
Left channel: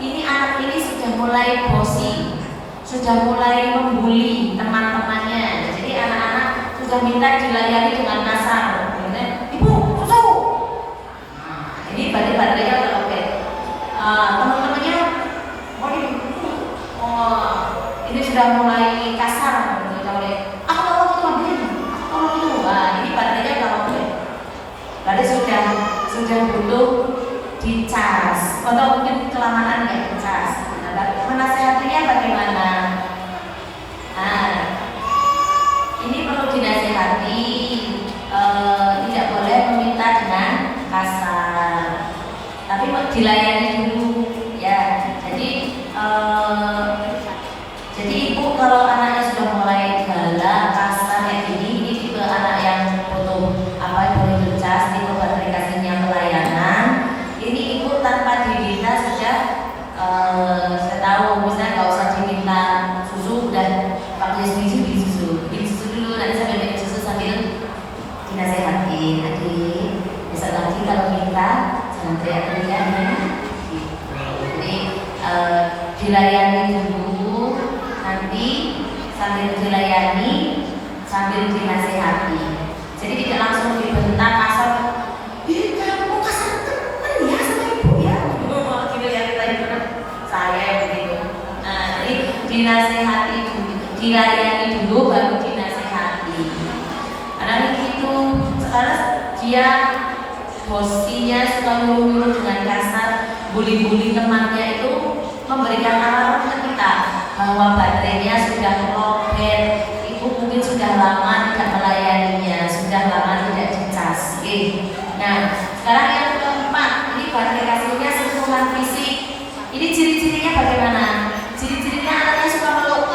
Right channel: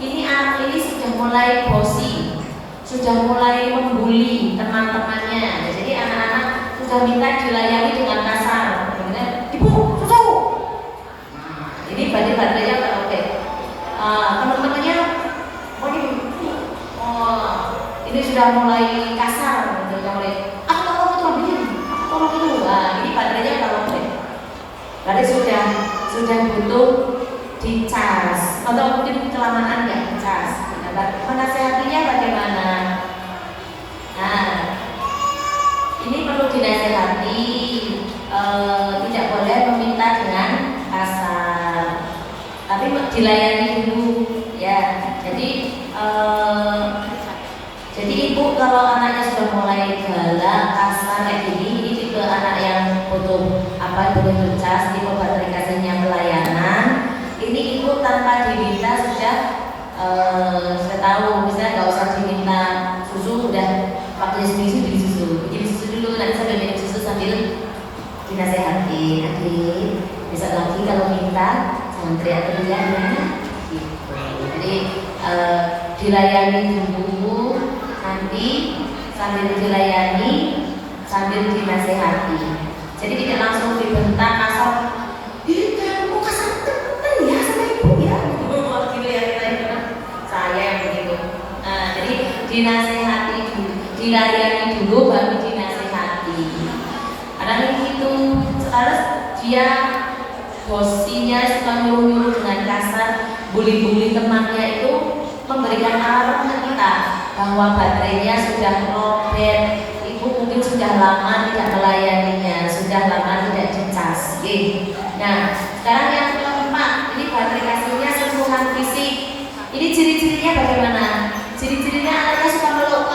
Ini anak ini sudah mulai bosi, sudah mulai membuli teman-temannya. Jadi anak-anak sudah minta dilayani dengan kasar. Ibu, susu. Ini berarti baterainya udah lowbat. Teman-temannya, ini sudah mulai kasar. Aku itu. Nah, ini baterainya dicas atau mungkin kelamaan nggak dicas. Menasehatinya bagaimana? Nah, ini perlu dinasehati, tidak boleh meminta dengan kasar, tapi dilayani dulu ya. Jadi ibu kalau anaknya sudah mulai galak, kasar kayak gini, ini tipe anak yang butuh boleh dicas, tipe baterai kasihnya pelayanan. Ini ibu tanpa diminta sudah saya tahu, misalnya nggak usah diminta susu, udah waktu beli susu, bikin susu dulu, nanti sambil minum susu sambil dinasehati. Adik, besok lagi kalau minta jangan teriak-teriak ya. Jadi dilayani dulu, nanti sambil dilayani sambil dinasehati. Jadi tidak langsung dibentak kasar. Kamu kasar temen ya sama ibu ya. Gitu ya kita saya begitu. Nah, jadi dinasehati dulu, dilayani dulu baru dinasehati. Karena begitu, terus dia bosinya suka nyuruh-nyuruh dengan kasar, bully-bully temannya itu memberikan alarm ke kita bahwa baterainya sudah lowbat, ibu mungkin sudah lama tidak melayaninya, sudah lama tidak dicas. Nah, sekarang yang keempat, ini baterai kasihnya sentuhan fisik. Ini ciri-cirinya bagaimana? Ciri-cirinya anaknya suka meluk.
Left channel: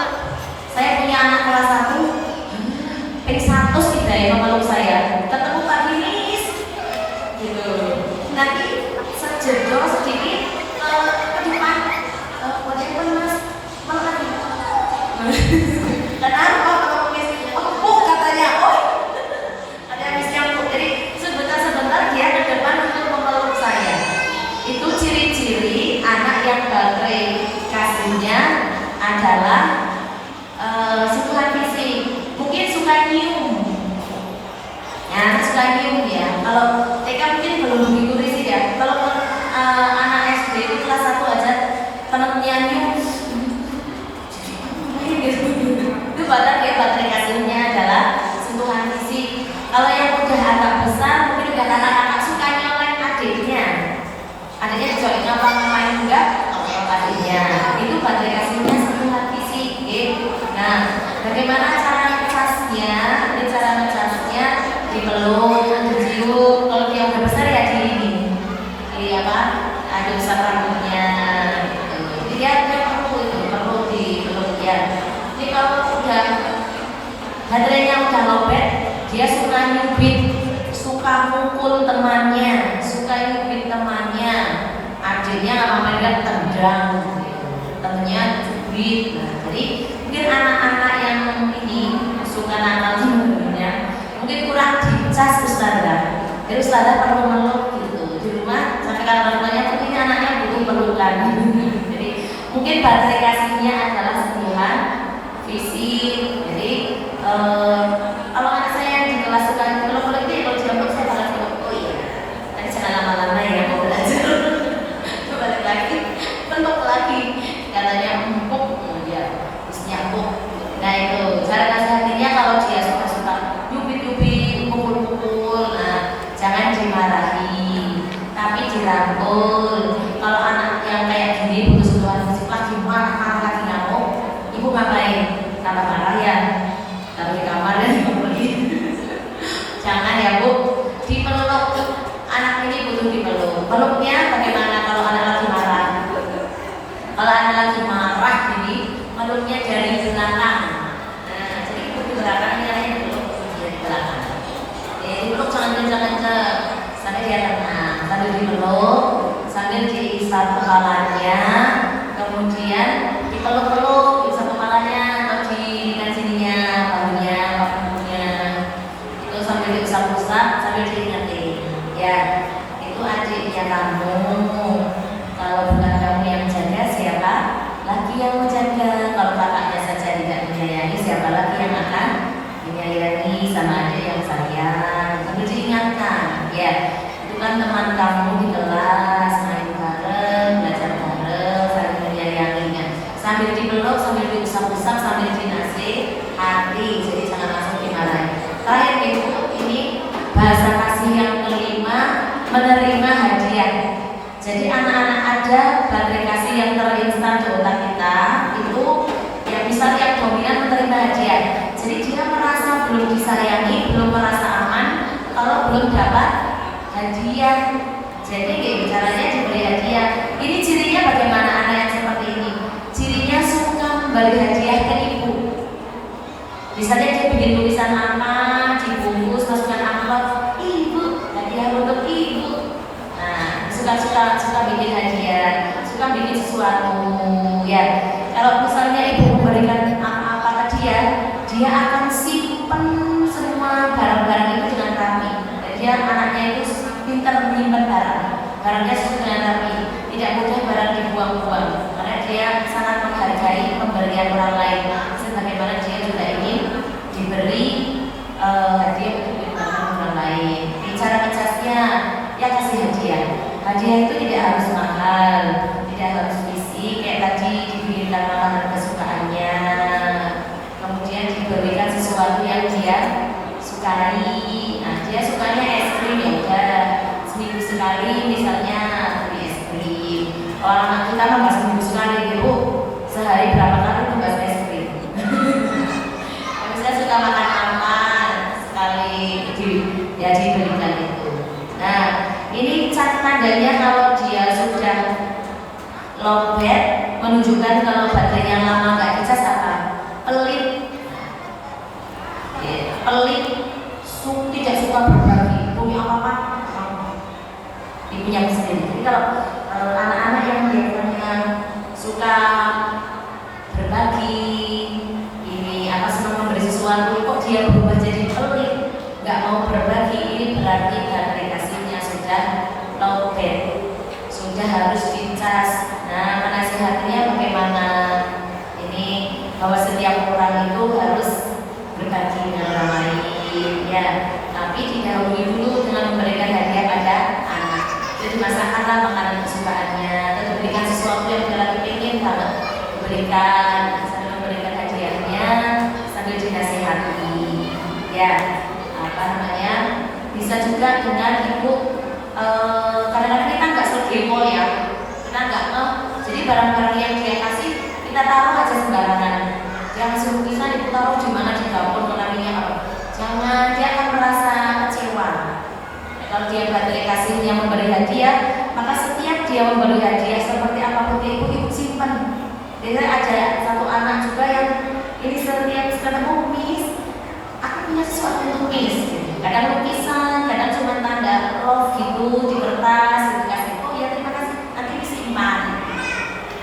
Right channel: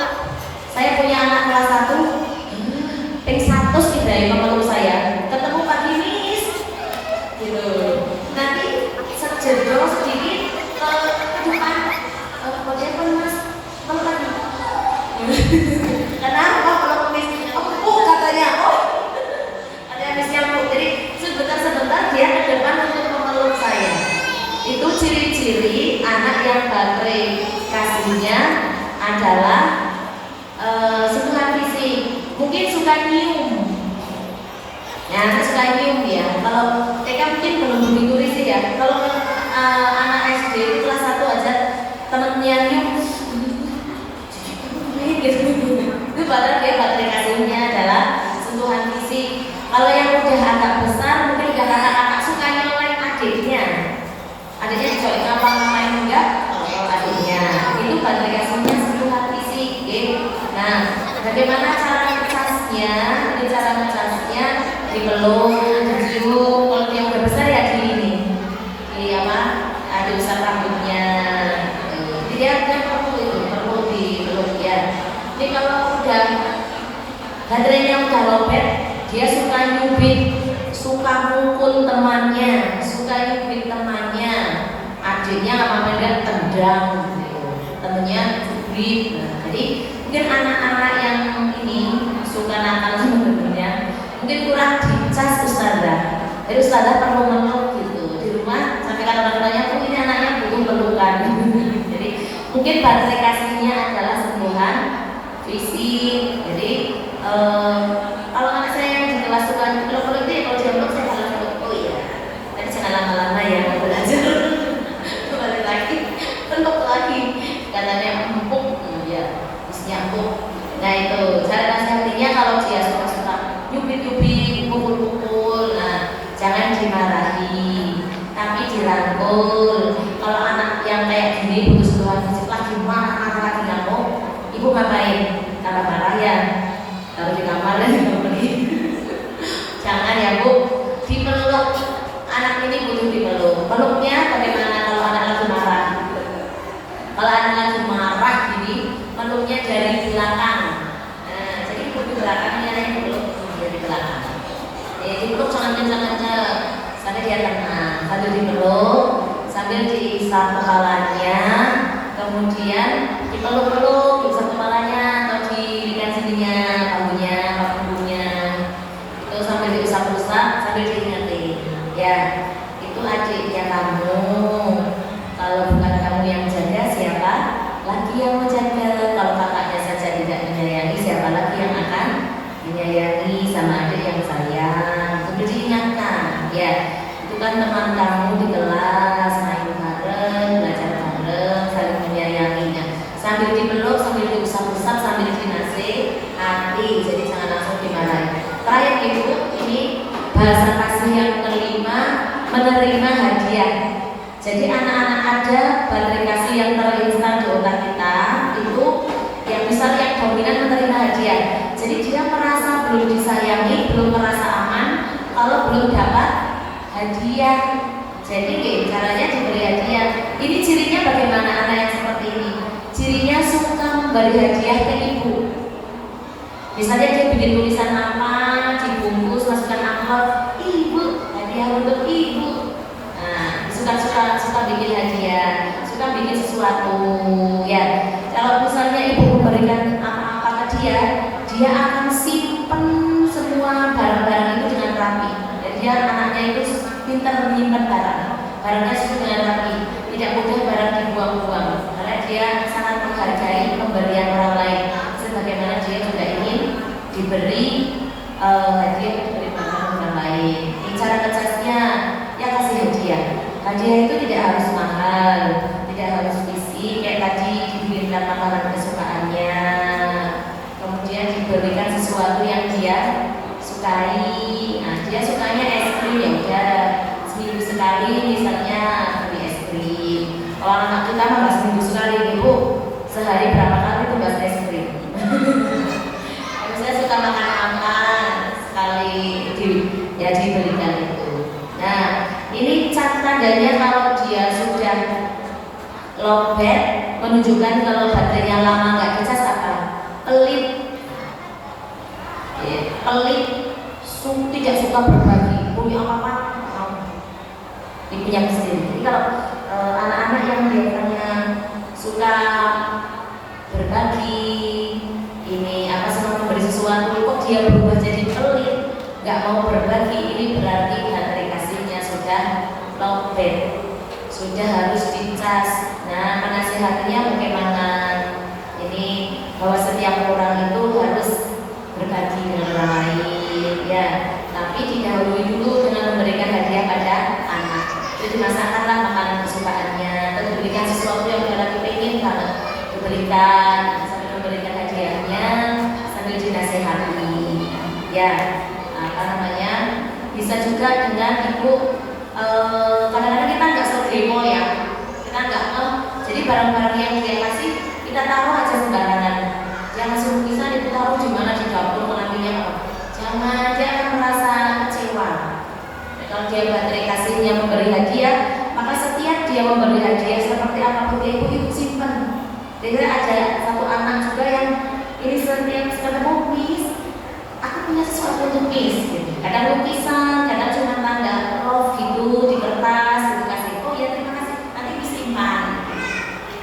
Saya punya anak kelas 1, P1 nih dari meluk saya. Ketemu Kak Dinis, gitu. Nanti sejedol sedikit ke depan, bagaimana mas? Kenapa kalau mis? Katanya, ada misnya bu. Jadi sebentar dia ke depan untuk memeluk saya. Itu ciri-ciri anak yang baterai kasihnya adalah sentuhan fisik. Mungkin suka nyium. Ya, suka nyium ya. Kalau TK mungkin belum begitu fisik ya. Kalau anak SD itu kelas 1 aja temennya nyium. Itu padahal dia baterai kasihnya adalah sentuhan fisik. Kalau yang udah agak besar, mungkin dengan anak-anak suka nyolek adiknya. Adiknya juga nama-nama enggak, adiknya. Itu baterai kasihnya sentuhan fisik. Nah, bagaimana cara ngecasnya? Ini cara ngecasnya dipeluk, dicium. Kalau yang udah besar ya di apa? Ada usap rambutnya. Jadi dia perlu dipeluk ya. Jadi kalau udah baterainya udah lowbat, dia suka nyubit, suka mukul temannya, suka nyubit temannya. Adiknya apa dia tendang, temannya cubit. Nah, jadi mungkin anak-anak yang ini suka nakal sebenarnya mungkin kurang dicas ustazah. Jadi ustazah perlu meluk gitu di rumah, sampai kadang-kadang ini anaknya butuh pelukan. Jadi mungkin baterai kasihnya adalah sentuhan fisik. Jadi kalau anak saya yang di kelas suka peluk-peluk itu, kalau dia meluk saya bisa peluk. Oh iya, tapi jangan lama-lama ya, belajar. Balik lagi, peluk lagi. Katanya empuk, ya, isinya empuk. Nah itu cara nasihatinya, kalau dia suka nyubit-nyubit, pukul-pukul, nah jangan dimarahi, tapi dirangkul. Kalau anak yang kayak gini butuh sentuhan fisik, gimana lagi ngamuk, ibu ngapain? Tambah marah ya, taruh di kamar dan pergi. Jangan ya bu, dipeluk. Anak ini butuh dipeluk. Peluknya bagaimana kalau anak lagi marah? Kalau anak lagi marah gini, meluknya dari belakang. Nah, jadi ibu di belakangnya yang peluk dari belakang. Jadi dipeluk jangan kencang-kencang, sampai dia tenang. Sambil dipeluk, sambil diisap kepalanya, kemudian dipeluk-peluk, diisap kepalanya atau dirikan sininya, bahunya, punggungnya. Terus sambil diusap-usap, sambil diingetin. Ya, itu adiknya kamu. Kalau bukan kamu yang jaga, siapa lagi yang menjaga? Kalau kakaknya saja tidak menyayangi, siapa lagi yang akan menyayangi? Sama adik yang sayang. Sambil diingatkan, ya, itu kan teman kamu di kelas, main bareng, belajar bareng, saling menyayangi. Sambil dipeluk, sambil diusap-usap, sambil dinasehati. Jadi jangan langsung dimarahi. Lain ibu, ini bahasa kasih yang kelima, menerima hadiah. belum disayangi, belum merasa aman kalau belum dapat hadiah. Jadi caranya diberi hadiah. Ini cirinya bagaimana anak yang seperti ini? Cirinya suka memberi hadiah ke ibu. Misalnya dia bikin tulisan apa, dibungkus masukkan amplop, ibu, hadiah untuk ibu. Nah, suka bikin hadiah, suka bikin sesuatu. Ya, kalau misalnya ibu memberikan apa ke dia akan simpen semua barang-barang itu dengan rapi. Jadi anaknya itu pintar menyimpan barangnya dengan rapi, tidak mudah barang dibuang-buang, karena dia sangat menghargai pemberian orang lain. Sebagaimana dia juga ingin diberi hadiah untuk orang lain. Di cara ngecasnya, ya kasih hadiah. Hadiah itu tidak harus mahal, tidak harus fisik, kayak tadi diberikan makanan kesukaannya, kemudian diberikan sesuatu yang dia sukai. Nah, dia sukanya es krim, ya udah seminggu sekali misalnya beli es krim. Kalau anak kita mah nggak seminggu sekali, ibu sehari berapa kali tuh bahas es krim. Kalau saya suka makan apa sekali diberikan itu. Nah, ini cat tandanya kalau dia sudah lowbat, menunjukkan kalau baterainya lama nggak dicas apa? Pelit, pelit, tidak suka berbagi, punya apa? Ibunya sendiri. Jadi kalau anak-anak yang biasanya suka berbagi, ini apa senang memberi sesuatu, kok dia berubah jadi pelit, nggak mau berbagi, ini berarti baterai kasihnya sudah lowbat, sudah harus dicas. Nah, penasihatnya bagaimana? Ini bahwa setiap orang itu harus berbagi dengan orang lain, ya. Tapi didahului dulu dengan memberikan hadiah pada anak. Jadi masalah makanan kesukaannya, atau diberikan sesuatu yang dia lagi pengen kalau diberikan, sambil memberikan hadiahnya sambil dinasihati, ya. Apa namanya? Bisa juga dengan ibu. Kadang-kadang kita nggak selgepo ya, kita nggak jadi barang-barang yang dia kasih kita taruh aja sembarangan. Jangan lukisan itu taruh di mana, di dapur kenalinya apa? Jangan, dia akan merasa kecewa. Kalau dia baterai kasihnya memberi hadiah, maka setiap dia memberi hadiah seperti apapun ibu simpan. Jadi ada satu anak juga yang ini setiap ketemu Miss, aku punya sesuatu untuk Miss. Kadang lukisan, kadang cuma tanda love gitu di kertas, gitu kasih. Oh ya terima kasih, nanti disimpan.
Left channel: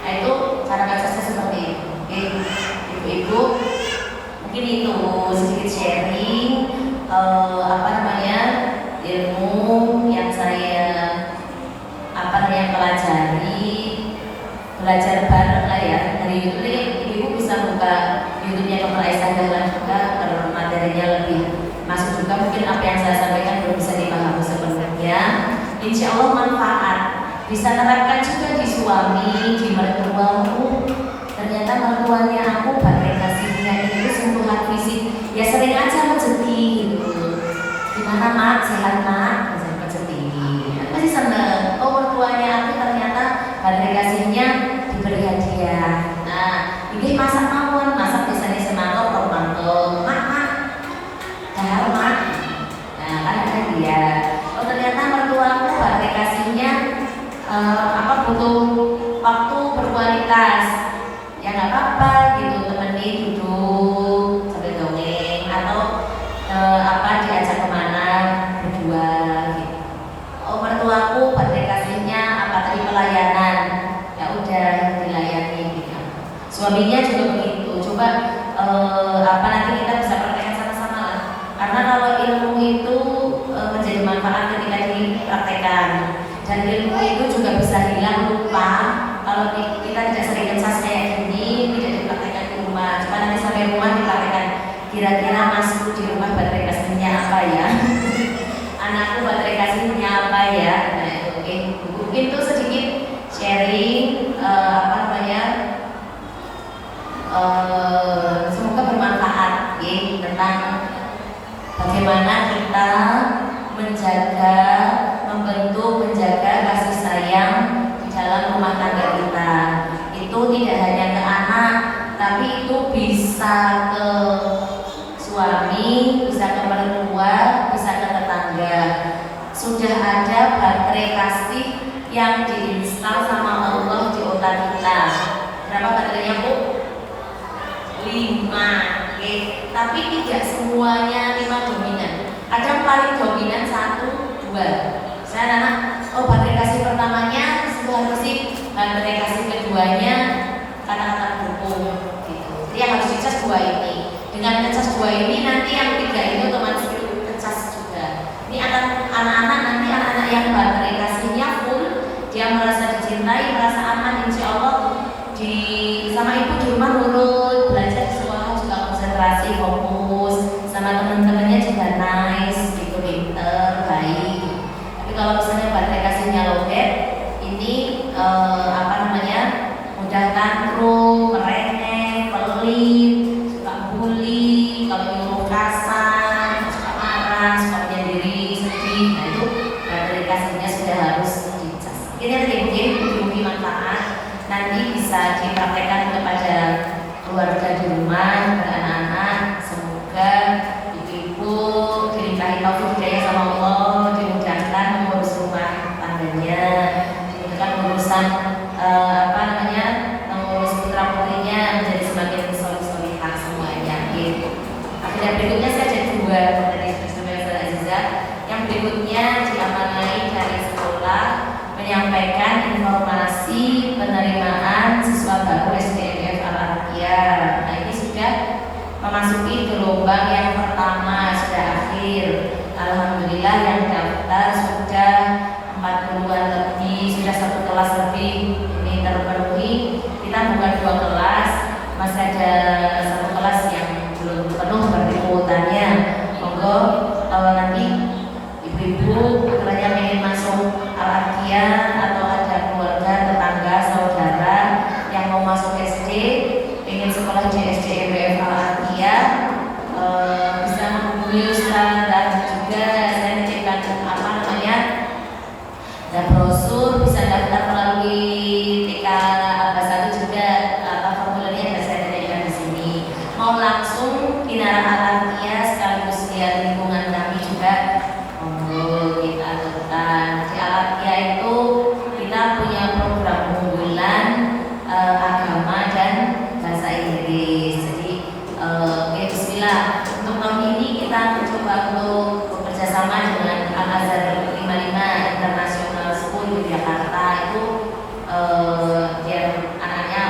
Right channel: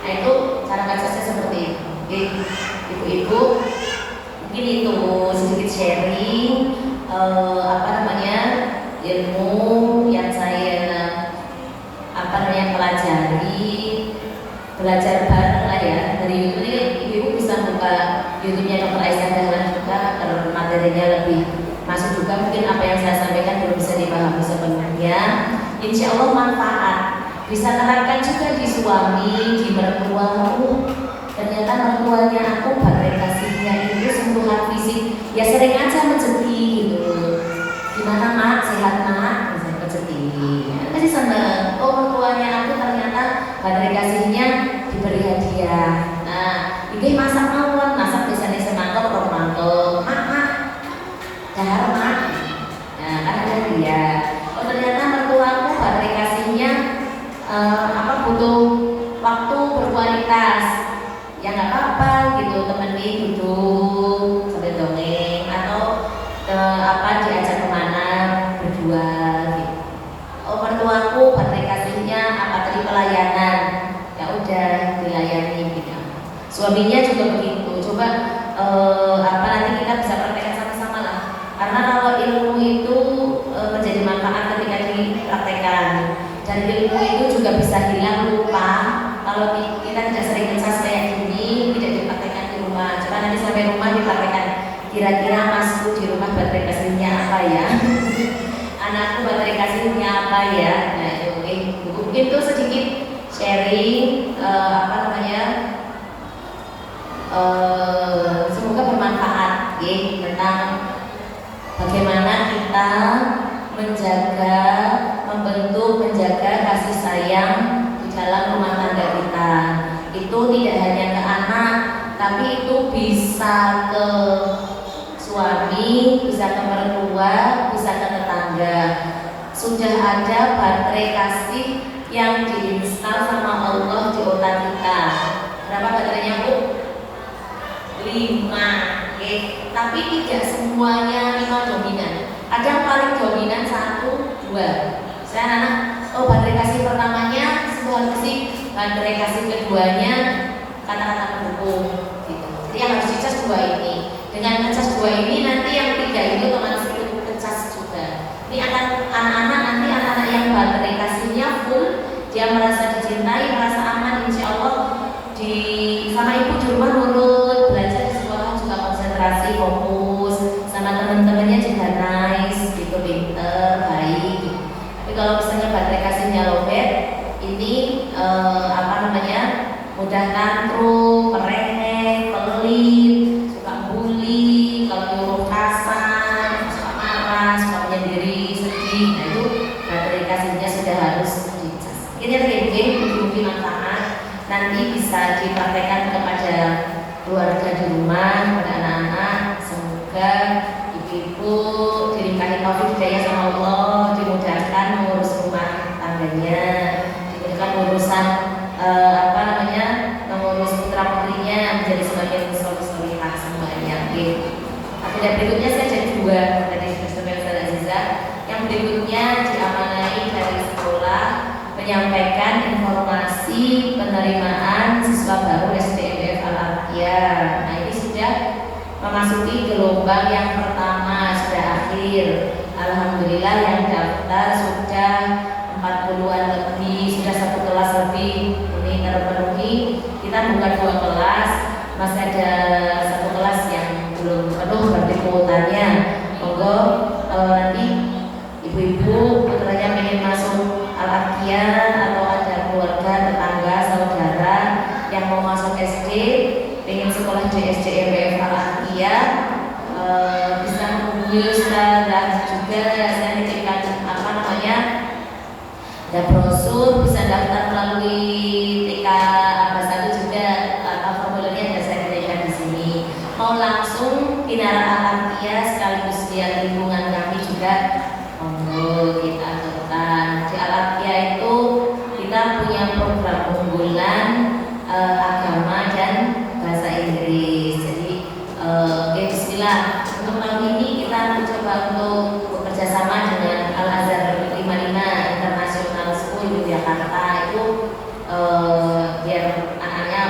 Nah itu cara bacanya seperti itu. Oke, ibu-ibu, mungkin itu sedikit sharing apa namanya ilmu yang saya pelajari, belajar bareng lah ya dari YouTube. Ini ibu-ibu bisa buka YouTube-nya Dr. Aisyah Dahlan juga, materinya lebih masuk juga. Mungkin apa yang saya sampaikan belum bisa dipahami sepenuhnya. Insya Allah manfaat, bisa terapkan juga di suami, di mertuamu. Ternyata mertuanya aku baterai kasihnya itu sentuhan fisik, ya sering aja menjeti gitu. Gimana mak, sehat mak, bisa menjeti. Apa sih sama? Oh mertuanya aku ternyata baterai kasihnya diberi hadiah. Nah, ini masak mawon, masak biasanya semangat romanto, mak, dar mak. Nah, ada dia. Oh ternyata mertuaku baterai kasihnya butuh waktu berkualitas. Ya nggak apa-apa gitu, temenin duduk sambil dongeng atau diajak kemana berdua gitu. Oh mertuaku baterai kasihnya tadi pelayanan, ya udah dilayani gitu. Suaminya juga begitu. Coba nanti kita bisa praktekkan sama-sama lah. Karena kalau ilmu itu menjadi manfaat ketika dipraktekkan, dan ilmu itu juga bisa hilang lupa kalau kita tidak sering ngecas kayak gini, tidak dipraktekkan di rumah. Coba nanti sampai rumah dipraktekkan. Kira-kira masku di rumah baterai kasihnya apa ya? Anakku baterai kasihnya apa ya? Nah itu oke. Mungkin itu sedikit sharing semoga bermanfaat ya, tentang bagaimana kita menjaga kasih sayang di dalam rumah tangga kita. Itu tidak hanya ke anak, tapi itu bisa ke suami, bisa ke mertua, bisa ke tetangga. Sudah ada baterai kasih yang diinstal sama Allah di otak kita. Berapa baterainya Bu? 5. Tapi tidak semuanya 5 dominan. Ada yang paling dominan 1, 2. Saya anak, oh baterai kasih pertamanya sebuah musik, baterai kasih keduanya kata-kata mendukung gitu. Jadi yang harus dicas 2 ini. Dengan ngecas 2 ini nanti yang 3 ini otomatis itu ngecas juga. Ini anak-anak nanti anak-anak yang baterai kasihnya full, dia merasa dicintai, merasa aman, insya Allah di sama ibu di rumah nurut, belajar di sekolah juga konsentrasi, fokus, sama teman-temannya juga nice, gitu, pinter, baik. Tapi kalau misalnya baterai kasihnya lowbat, ini mudah tantrum, merengek, pelit, suka bully, kalau nyuruh kasar, suka marah, suka menyendiri, sedih. Nah itu baterai kasihnya sudah harus dicas. Ini mungkin manfaat nanti bisa dipraktekkan kepada keluarga di rumah, kepada anak-anak. Semoga ibu-ibu dinikahi taufik hidayah sama Allah, dimudahkan mengurus rumah tangganya, dimudahkan urusan mengurus putra putrinya menjadi semakin soleh-solehah semuanya. Dan berikutnya saya jadi 2 dari Saudara Aziza. Yang berikutnya diamanai dari sekolah menyampaikan informasi penerimaan siswa baru SDMF Al-Atiyah. Nah ini sudah memasuki gelombang yang pertama, sudah akhir. Alhamdulillah yang daftar sudah 40-an lebih, sudah 1 kelas lebih ini terpenuhi. Kita buka 2 kelas, masih ada 1 kelas yang belum penuh berarti kuotanya. Monggo nanti ibu-ibu akhirnya ingin masuk Al-Atiyah atau ada keluarga, tetangga, saudara yang mau masuk SD, ingin sekolah di SDMF Al-Atiyah, bisa menghubungi Ustaz juga. Saya nitipkan dan brosur, bisa daftar melalui TK Abas 1 juga, formulirnya ada saya sediakan di sini. Mau langsung Binaran Al-Atiyah sekaligus lihat lingkungan kami juga, monggo kita lakukan. Di Al-Atiyah itu kita punya program unggulan agama dan bahasa Inggris. Jadi bismillah, untuk tahun ini kita mencoba untuk bekerja sama dengan Al-Azhar 55 International School Yogyakarta. Itu biar anaknya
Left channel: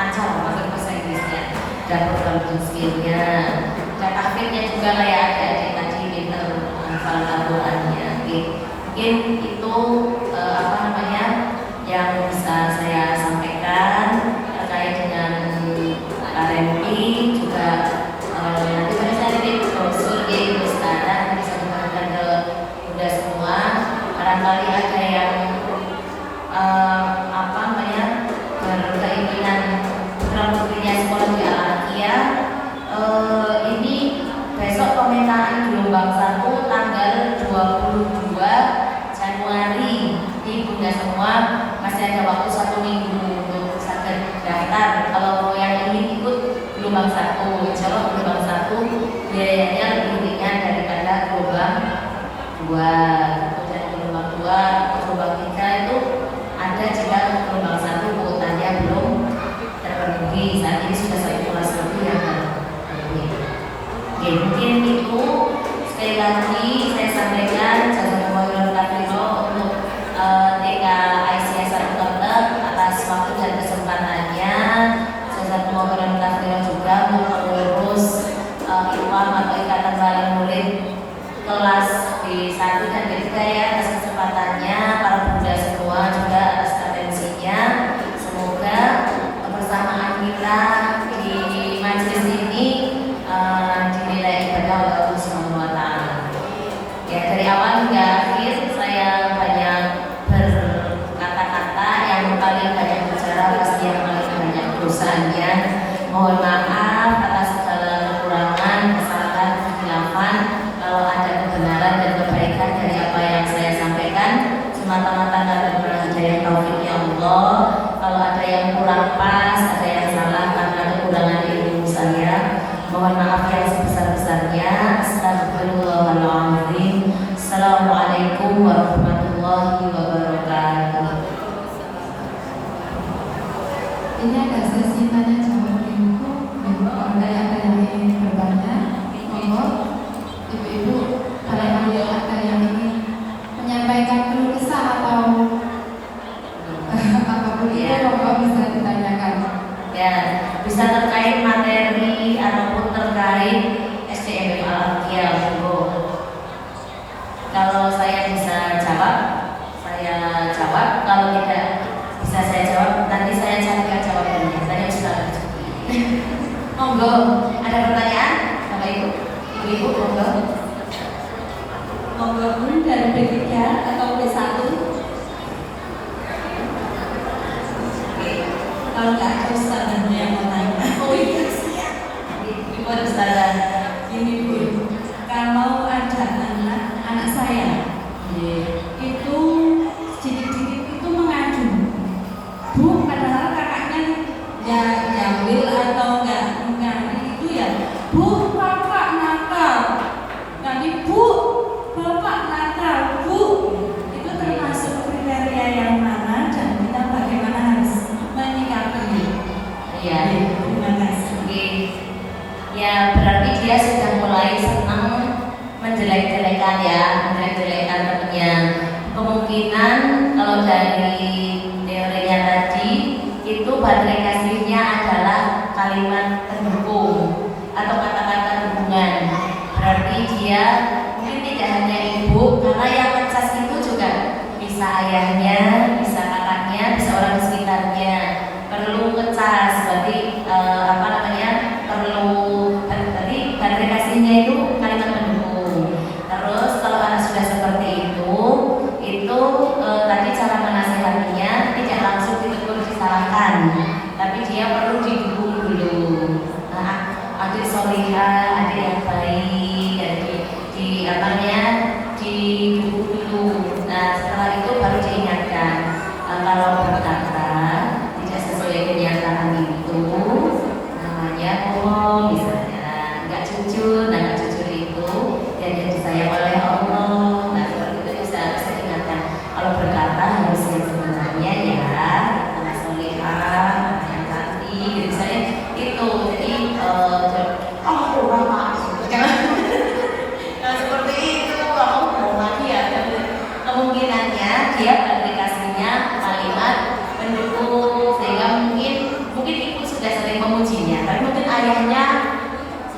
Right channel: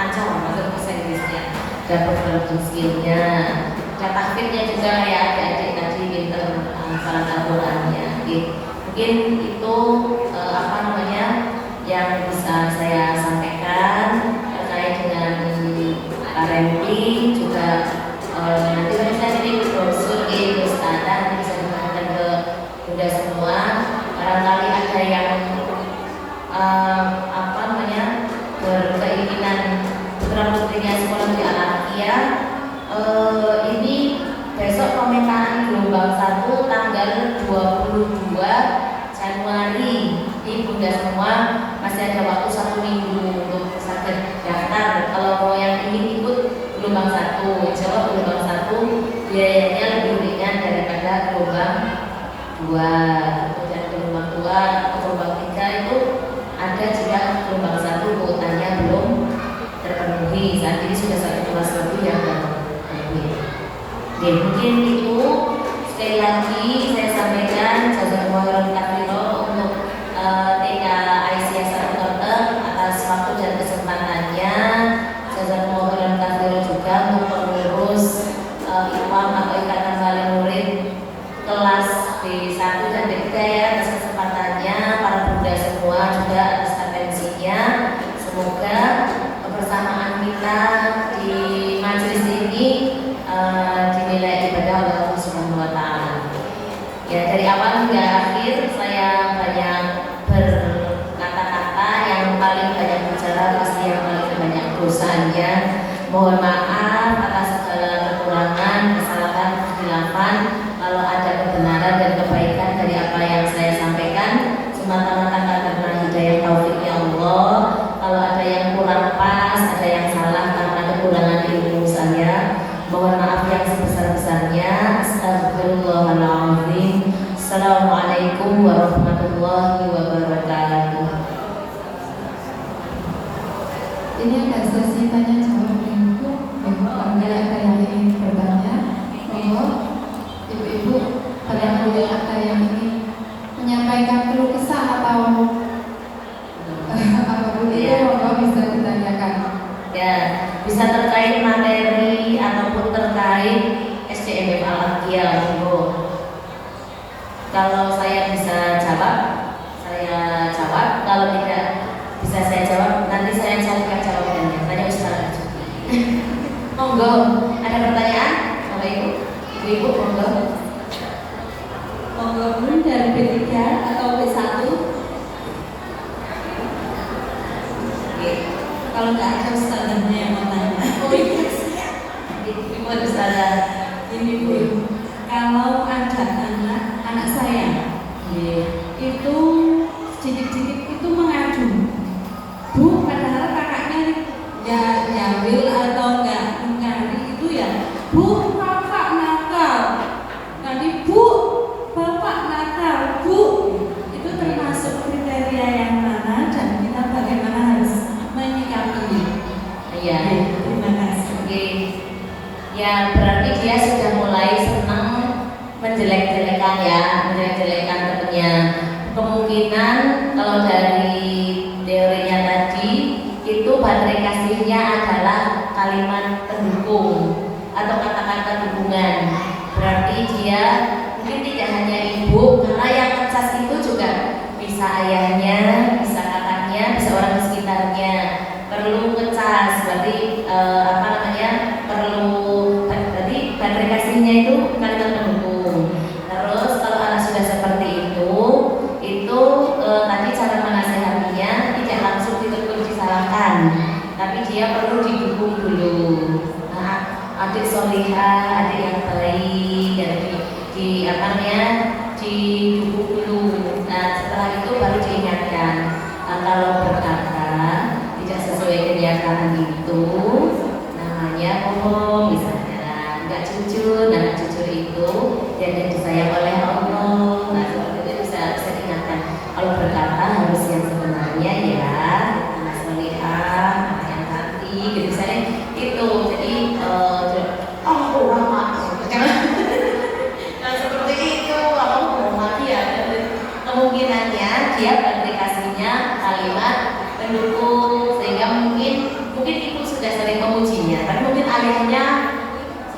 ancam pakai bahasa Inggrisnya dan program skillnya dan tahfidnya juga kayak adik-adik tadi pinter hafalan Al-Qurannya. Mungkin itu yang bisa saya sampaikan terkait dengan RMP juga. Nanti saya jadi brosur standar bisa digunakan ke mudah semua. Barangkali ada yang berkeinginan putra putrinya sekolah di Al-Atiyah, ini besok pemetaan gelombang 1 tanggal 22 Januari. Ini bunda semua masih ada waktu 1 minggu untuk sakit daftar. Kalau mau yang ingin ikut gelombang 1, insya Allah gelombang 1 biayanya lebih ringan daripada gelombang 2. Kemudian gelombang 2, gelombang 3 itu ada jika gelombang 1 kuotanya belum terpenuhi. Saat ini sudah 1 kelas lebih yang terpenuhi. Mungkin itu sekali lagi saya sampaikan jazakumullah khairan untuk TK Aisyah Sartoter atas waktu dan kesempatannya. Jazakumullah khairan juga untuk pengurus imam atau ikatan wali murid kelas B1 dan B3 ya atas kesempatannya, para bunda semua juga atas atensinya. Semoga kebersamaan kita di majelis ini dinilai ibadah Allah Subhanahu wa taala. ya. Mungkin tidak hanya ibu, karena yang ngecas itu juga bisa ayahnya, bisa kakaknya, bisa orang sekitarnya. Perlu ngecas, berarti apa namanya? Perlu berarti baterai kasihnya itu kalimat pendukung. Terus kalau anak sudah seperti itu tadi cara menasehatinya tidak langsung ditegur disalahkan, tapi dia perlu didukung dulu. Nah, adik solihah, adik yang baik, dan di apa namanya didukung dulu. Nah, setelah itu baru diingatkan. Kalau berkata tidak sesuai kenyataan itu, namanya bohong misalnya, nggak jujur. Nah, jujur itu yang disayang oleh Allah. Nah, seperti itu bisa diingatkan. Kalau berkata harus yang sebenarnya ya, anak solihah, anak yang cantik, gitu saya itu. Jadi orang maaf. Kalau seperti itu, kalau bohong lagi ya, kemungkinannya dia aplikasinya kalimat pendukung, sehingga mungkin ibu sudah sering memujinya, kan mungkin ayahnya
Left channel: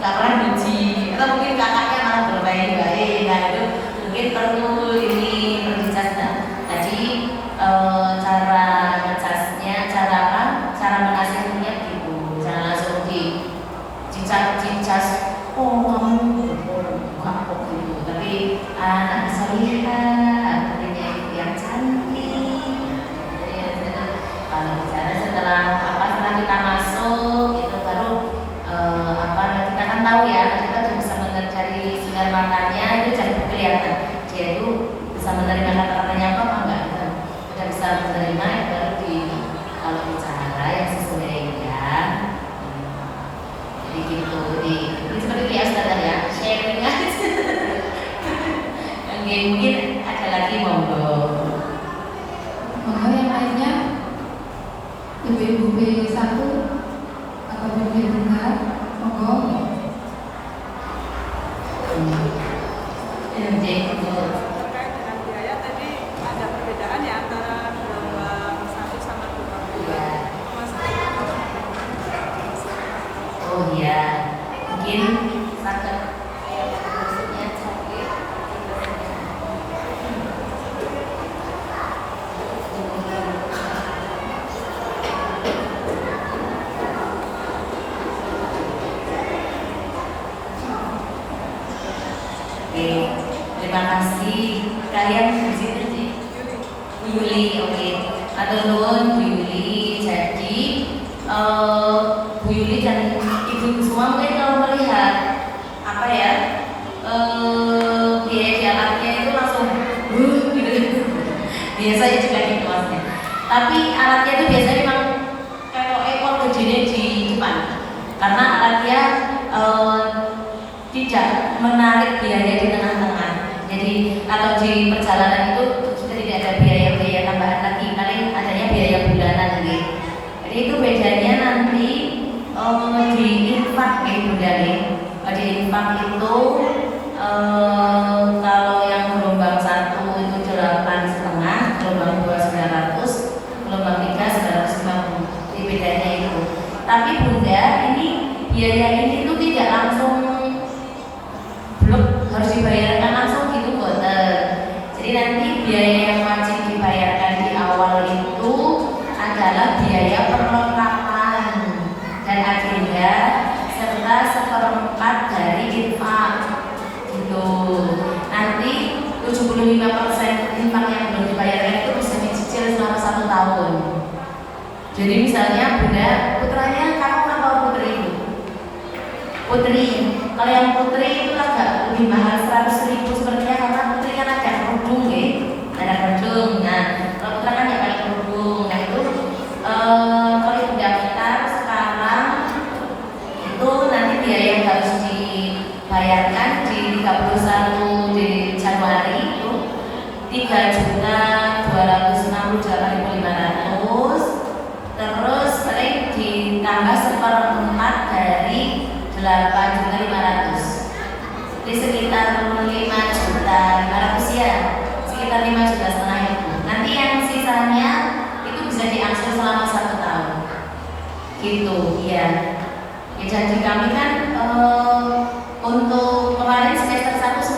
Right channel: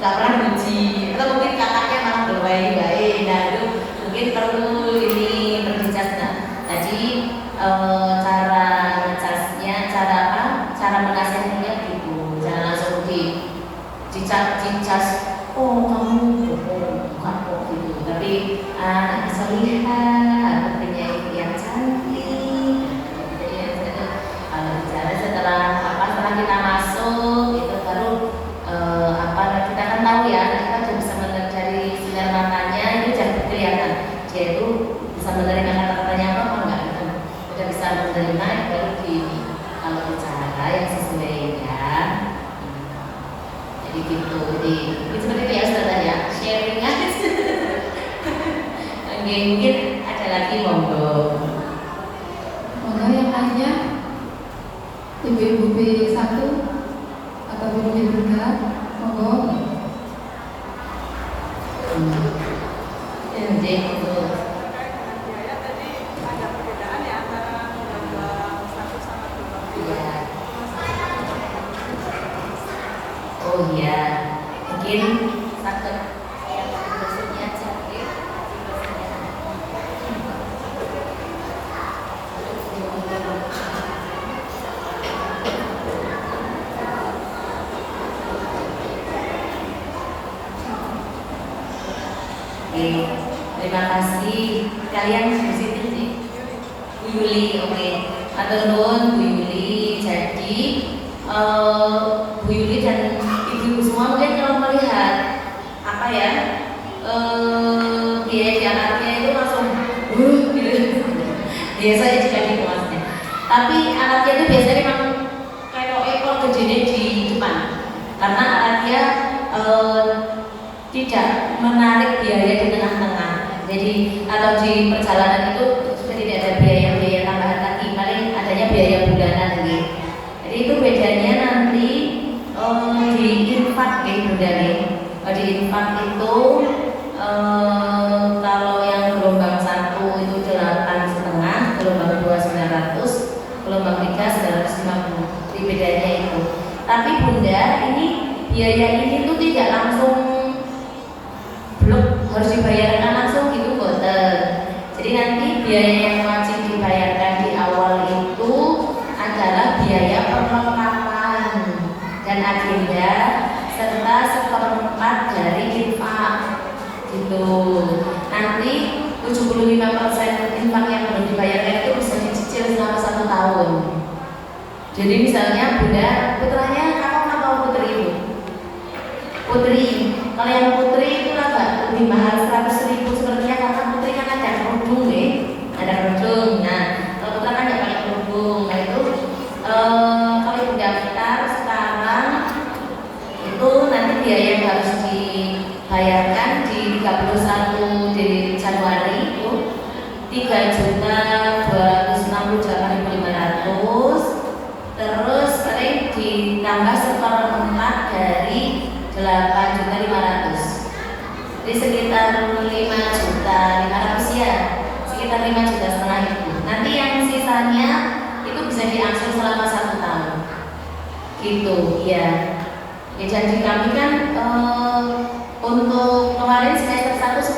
nggak pernah muji, atau mungkin kakaknya malah berbaik-baik. Nah, itu mungkin perlu ini berbicara. Jadi cara ngecasnya, cara apa? Cara menasihatinya gitu, jangan langsung dicas. Oh, kamu enggak kok gitu. Tapi anak solihah, artinya yang cantik. Jadi kalau bicara setelah kita masuk itu baru apa kita kan tahu ya, kita juga bisa melihat dari sinar matanya itu jadi kelihatan dia itu bisa menerima kata-katanya apa enggak gitu. Udah bisa menerima baru kalau bicara yang sesuai ya. Jadi gitu, jadi seperti itu ya Ustazah ya, sharing aja. Mungkin ada lagi monggo. Maka yang lainnya ibu-ibu B1 ataupun B3 monggo. Jadi itu tadi ada perbedaan ya antara undang-undang 1 sama 2. ya. Oh iya, mungkin satu maksudnya cantik. Oke, terima kasih kalian di situ sih. Bu Yuli, oke. Atur nuwun Bu Yuli. Jadi Bu Yuli dan ibu-ibu semua mungkin kalau melihat apa ya biaya jalannya itu langsung gitu. Biasanya juga di kelasnya. Tapi alatnya itu biasanya memang kayak ekor gede di depan, karena alatnya tidak menarik biaya di tengah-tengah. Jadi atau di perjalanan itu sudah tidak ada biaya tambahan lagi, paling adanya biaya bulanan lagi. Jadi itu bedanya nanti di infak ya Bunda nih. Di infak itu kalau yang gelombang 1 itu 8,5, gelombang 2 900, gelombang 3 950. Jadi bedanya itu. Tapi Bunda ini biaya ini tuh tidak langsung belum harus dibayarkan langsung gitu boten. Jadi nanti biaya yang wajib dibayarkan di awal itu adalah biaya perlengkapan dan agenda serta seperempat dari infak gitu. Nanti 75% infak yang belum dibayarkan itu bisa dicicil selama 1 tahun. Jadi misalnya Bunda, putranya kamu atau putri itu? Putri. Kalau yang putri itu agak lebih mahal 100.000 sebenarnya, karena putri kan ada kerudung nih, ada kerudung. Nah, kalau putra kan ya pakai kerudung. Nah itu kalau ibu daftar sekarang itu nanti biaya yang harus dibayarkan di 31 di Januari itu 3.268.500. Terus ditambah seperempat dari 8.500. Jadi sekitar 5.500.000 ya, sekitar 5,5 juta itu. Nanti yang sisanya itu bisa diakses selama 1 tahun. Gitu, ya. Ya janji kami kan untuk kemarin semester 1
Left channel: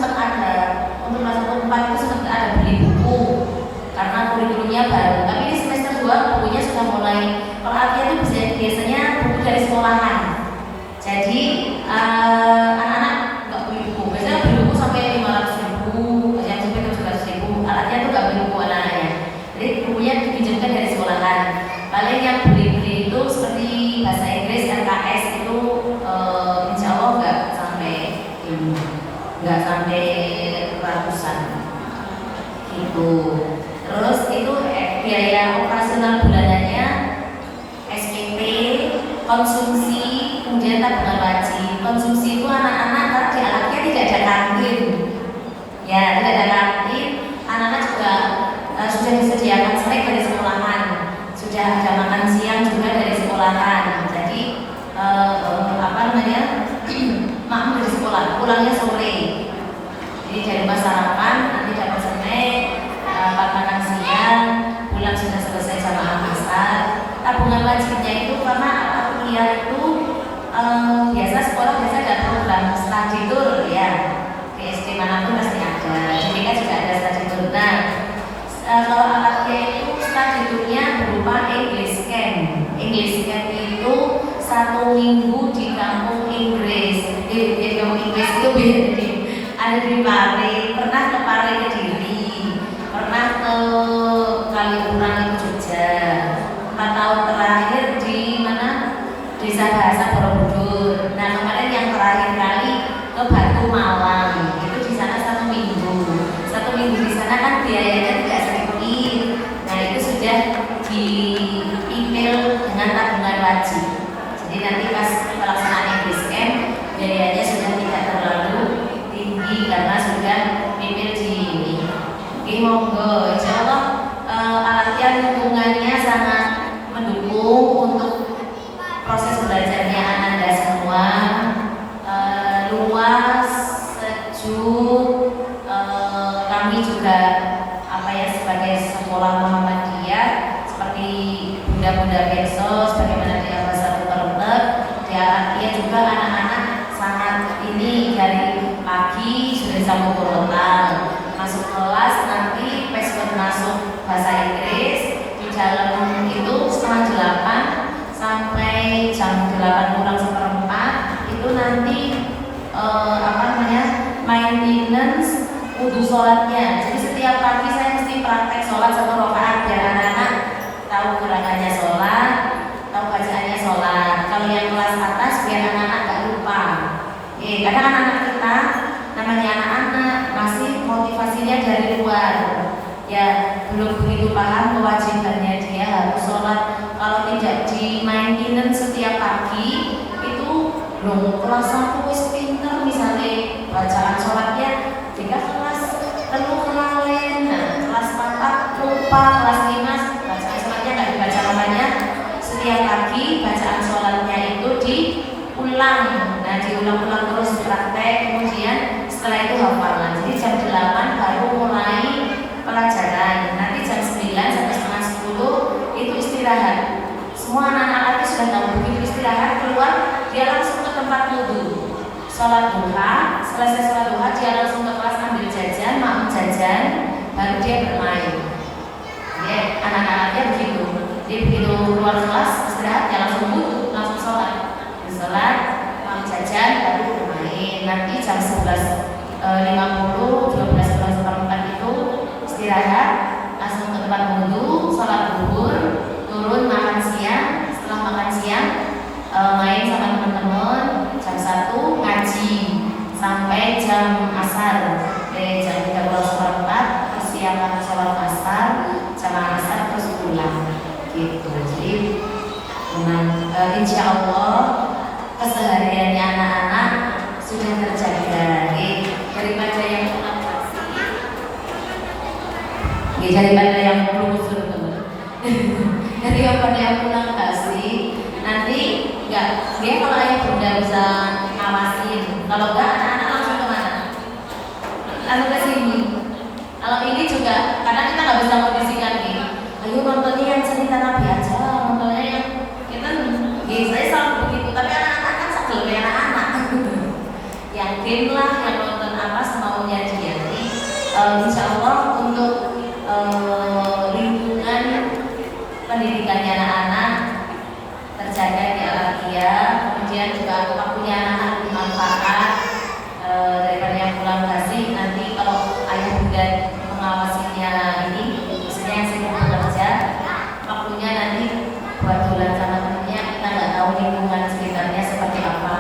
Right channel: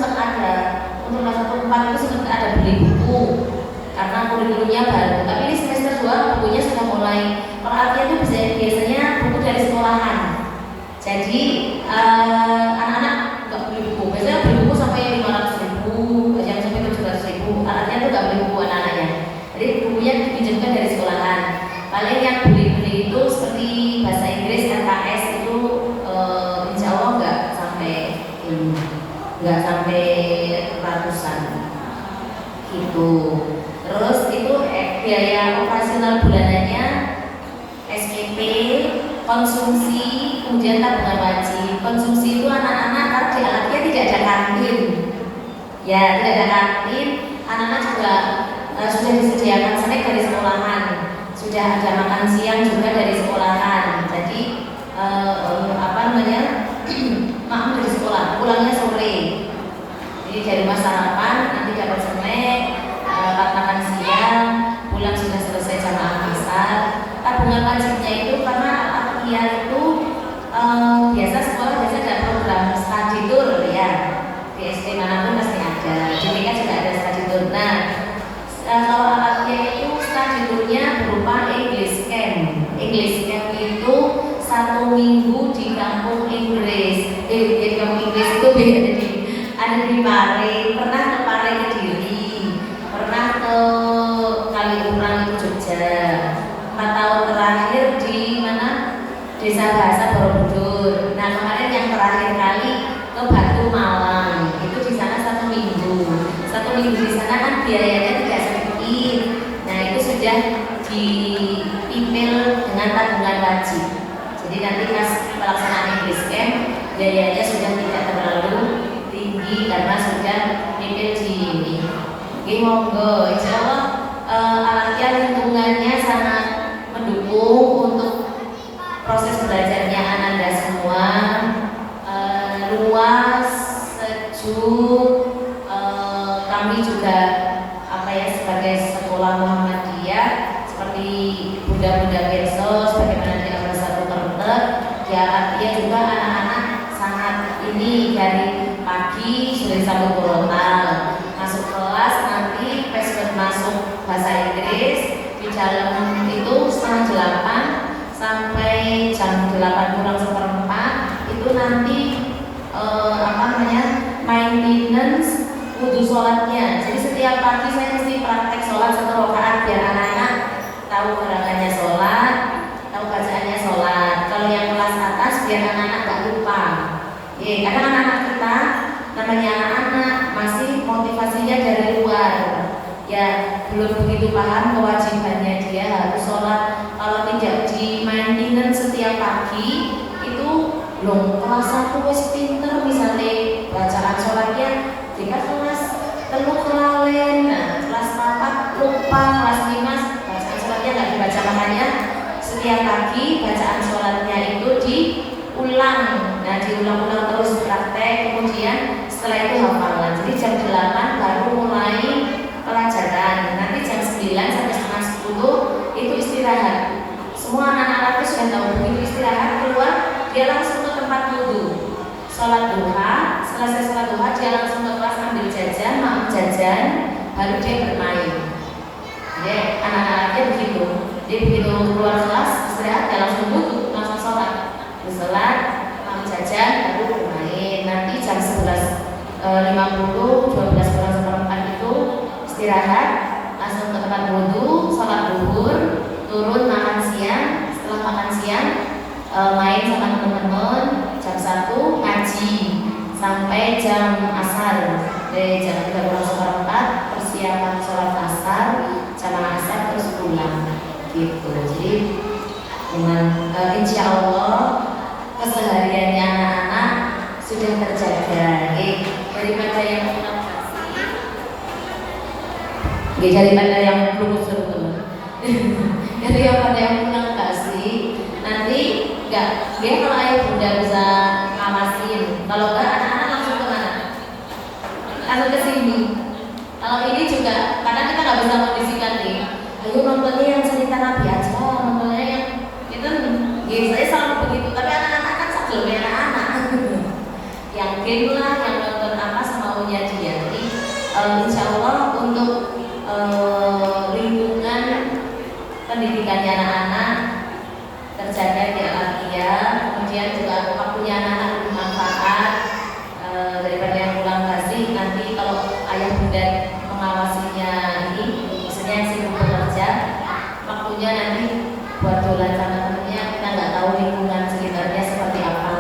nggak sampai ratusan gitu. Terus itu biaya operasional bulanannya, SPP, konsumsi, kemudian tabungan wajib. Konsumsi itu anak-anak laki-laki tidak ada kantin, ya tidak ada kantin. Anak-anak juga sudah disediakan snack dari sekolahan, sudah ada makan siang juga dari sekolahan. Jadi makan dari sekolah, pulangnya sore. Jadi dari rumah sarapan, nanti dapat snack, makan siang, pulang sudah selesai jam asar. Tabungan wajibnya itu karena kuliah itu biasa sekolah biasa ada program study tour ya. Di SD manapun pasti ada. Jadi kan juga ada study tour. Nah, kalau anaknya itu study tournya berupa English camp. English camp itu 1 minggu di kampung Inggris. Di kampung Inggris itu beda nih. Ada di Pare, pernah ke Pare Kediri, pernah ke Kaliurang itu Jogja. 4 tahun terakhir di mana? Desa Bahasa Borobudur. Nah kemarin yang terakhir kali ke Batu Malang. Itu di sana 1 minggu. 1 minggu di sana kan biayanya tidak sedikit. Nah itu sudah diipil dengan tabungan wajib. Jadi nanti pas pelaksanaan English Camp biayanya sudah tidak terlalu tinggi karena sudah ipil di ini. Oke, monggo, insya Allah latihan lingkungannya sangat mendukung untuk proses belajarnya Anda semua. Luas, sejuk. Kami juga sebagai sekolah Muhammadiyah seperti Bunda-Bunda Bensos, bagaimana dia satu karakter, dia juga anak-anak sangat ini dari pagi sudah sampai Gorontalo, masuk kelas nanti besok masuk bahasa Inggris di dalam itu 7:30 sampai jam 8:04 itu nanti maintenance wudhu sholatnya. Jadi setiap pagi saya mesti praktek sholat 1 rakaat biar anak-anak tahu gerakannya sholat, tahu bacaannya sholat. Kalau yang kelas atas biar anak-anak gak lupa. Karena anak-anak kita namanya anak-anak masih motivasinya dari luar, ya belum begitu paham kewajibannya dia harus sholat. Kalau tidak di maintenance setiap pagi itu belum kerasa wis pinter, misalnya bacaan sholatnya jika kelas telu kelalen, kelas 4 lupa, kelas 5 bacaan sholatnya nggak dibaca namanya. Setiap pagi bacaan sholatnya itu diulang, nah diulang-ulang terus praktek, kemudian setelah itu hafalan. Jadi jam 8 baru mulai pelajaran, nanti jam 9 sampai setengah 10 itu istirahat. Semua anak-anak itu sudah tahu begitu istirahat keluar dia langsung ke tempat wudhu, sholat duha. Selesai sholat duha dia langsung ke kelas ambil jajan, mau jajan, baru dia bermain. Ya, anak-anaknya begitu. Dia begitu keluar kelas istirahat dia langsung wudhu, langsung sholat. Sholat, mau jajan, baru bermain. Nanti jam 11:50, 12:04 itu istirahat, langsung ke tempat wudhu, sholat duhur, turun makan siang. Setelah makan siang main sama teman-teman. Jam 1 ngaji sampai jam asar. Dari jam 13:04 persiapan sholat asar, jam asar terus pulang gitu. Jadi dengan insya Allah kesehariannya anak-anak sudah terjaga. Daripada yang kurang kasih, daripada yang lurus-lurus, daripada yang kurang kasih, nanti dia kalau ayah bunda bisa ngawasin. Kalau enggak anak-anak langsung kemana? Langsung ke sini. Kalau ini juga karena kita nggak bisa kondisikan nih. Ayo nontonnya yang cerita Nabi aja, nontonnya yang itu. Saya selalu begitu. Tapi anak-anak kan sebelum anak-anak. Yang game lah, yang nonton apa semaunya dia. Jadi insya Allah untuk lingkungan pendidikannya anak-anak terjaga di Al-Aqiyah. Kemudian juga waktunya anak dimanfaatkan daripada yang pulang kasih. Nanti kalau ayah bunda mengawasinya ini, misalnya yang sibuk bekerja, waktunya nanti buat dolan sama temennya. Kita nggak tahu lingkungan sekitarnya seperti apa.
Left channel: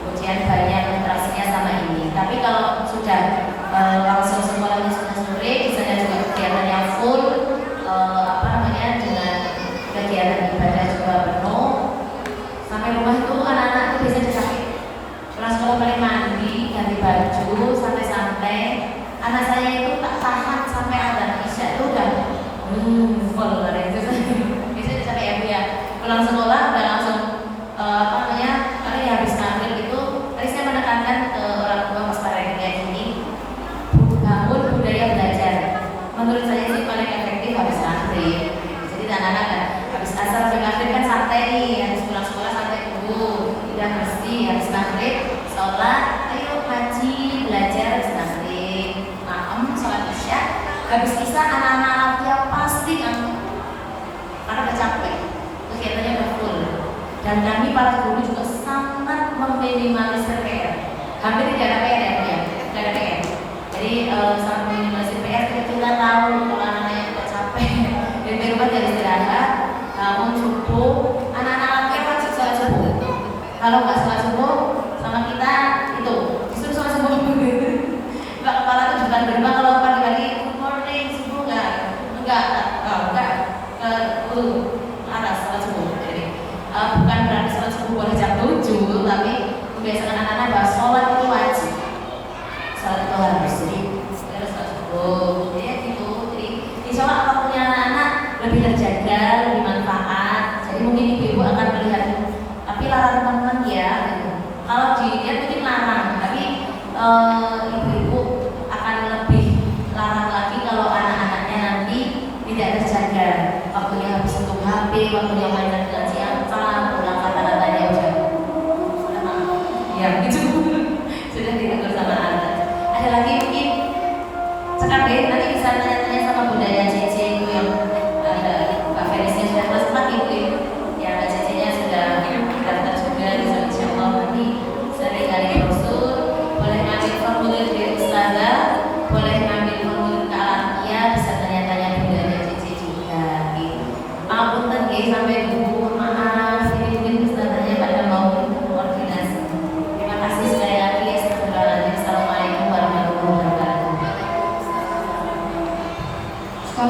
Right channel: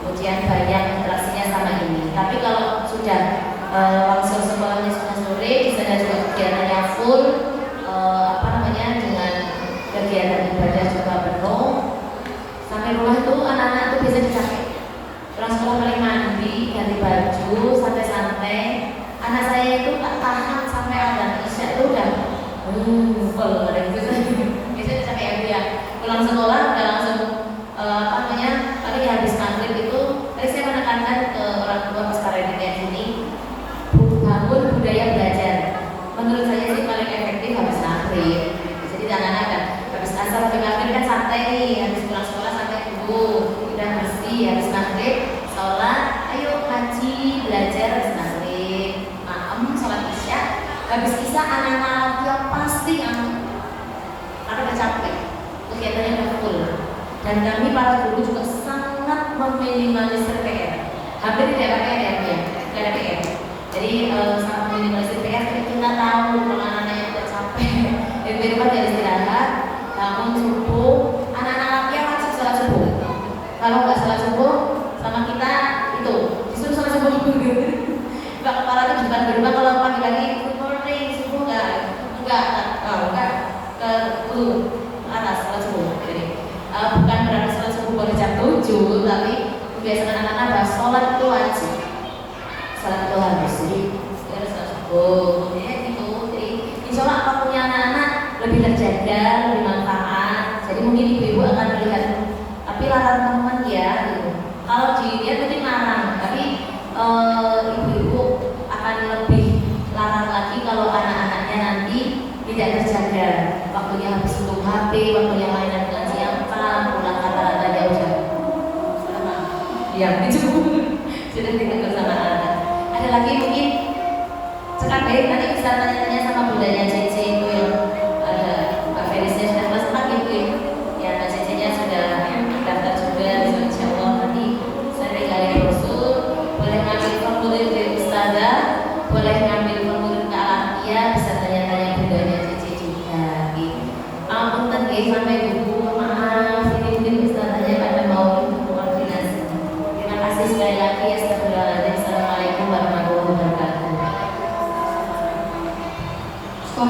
Kemudian banyak interaksinya sama ini. Tapi kalau habis kisah anak-anaknya pasti ngantuk karena udah capek, kegiatannya udah full. Dan kami para guru juga sangat meminimalisir PR. Hampir tidak ada PR ya, Bu ya? Tidak ada PR. Jadi sangat meminimalisir PR. Kita tahu kalau anak-anaknya udah capek, dan di rumah jadi istirahat, namun subuh, anak-anaknya wajib sholat subuh. Kalau nggak sholat subuh, sama kita itu disuruh sholat subuh. Mbak kepala itu juga di rumah kalau pagi-pagi good morning subuh enggak atas sholat subuh. Jadi bukan berarti sholat subuh pada jam 7, tapi membiasakan anak-anak bahwa sholat itu wajib. Sholat itu harus sholat subuh. Ya gitu. Jadi insya Allah apapun anak-anak lebih terjaga, lebih manfaat. Jadi mungkin ibu-ibu akan melihat, tapi larang teman ya. Gitu. Kalau dilihat mungkin larang, tapi ibu-ibu akan lebih larang lagi kalau anak-anaknya nanti tidak terjaga. Waktunya habis untuk HP, waktunya mainan dengan siapa, pulang kata-katanya udah ya itu sudah ditegur sama anak. Ada lagi mungkin sekarang deh nanti bisa tanya-tanya sama budaya Cece itu yang Mbak Felisnya sudah kelas 4 gitu ya. Mbak Cece-nya sudah daftar juga, insya Allah nanti saya tinggal di brosur. Boleh ngambil formulir dari Ustazah, boleh ngambil formulir ke Alafia, bisa tanya-tanya budaya Cece juga gitu. Maupun tadi sampai buku maaf ini mungkin Ustazahnya pada mau koordinasi. Terima kasih sekali lagi. Assalamualaikum warahmatullahi wabarakatuh. Skor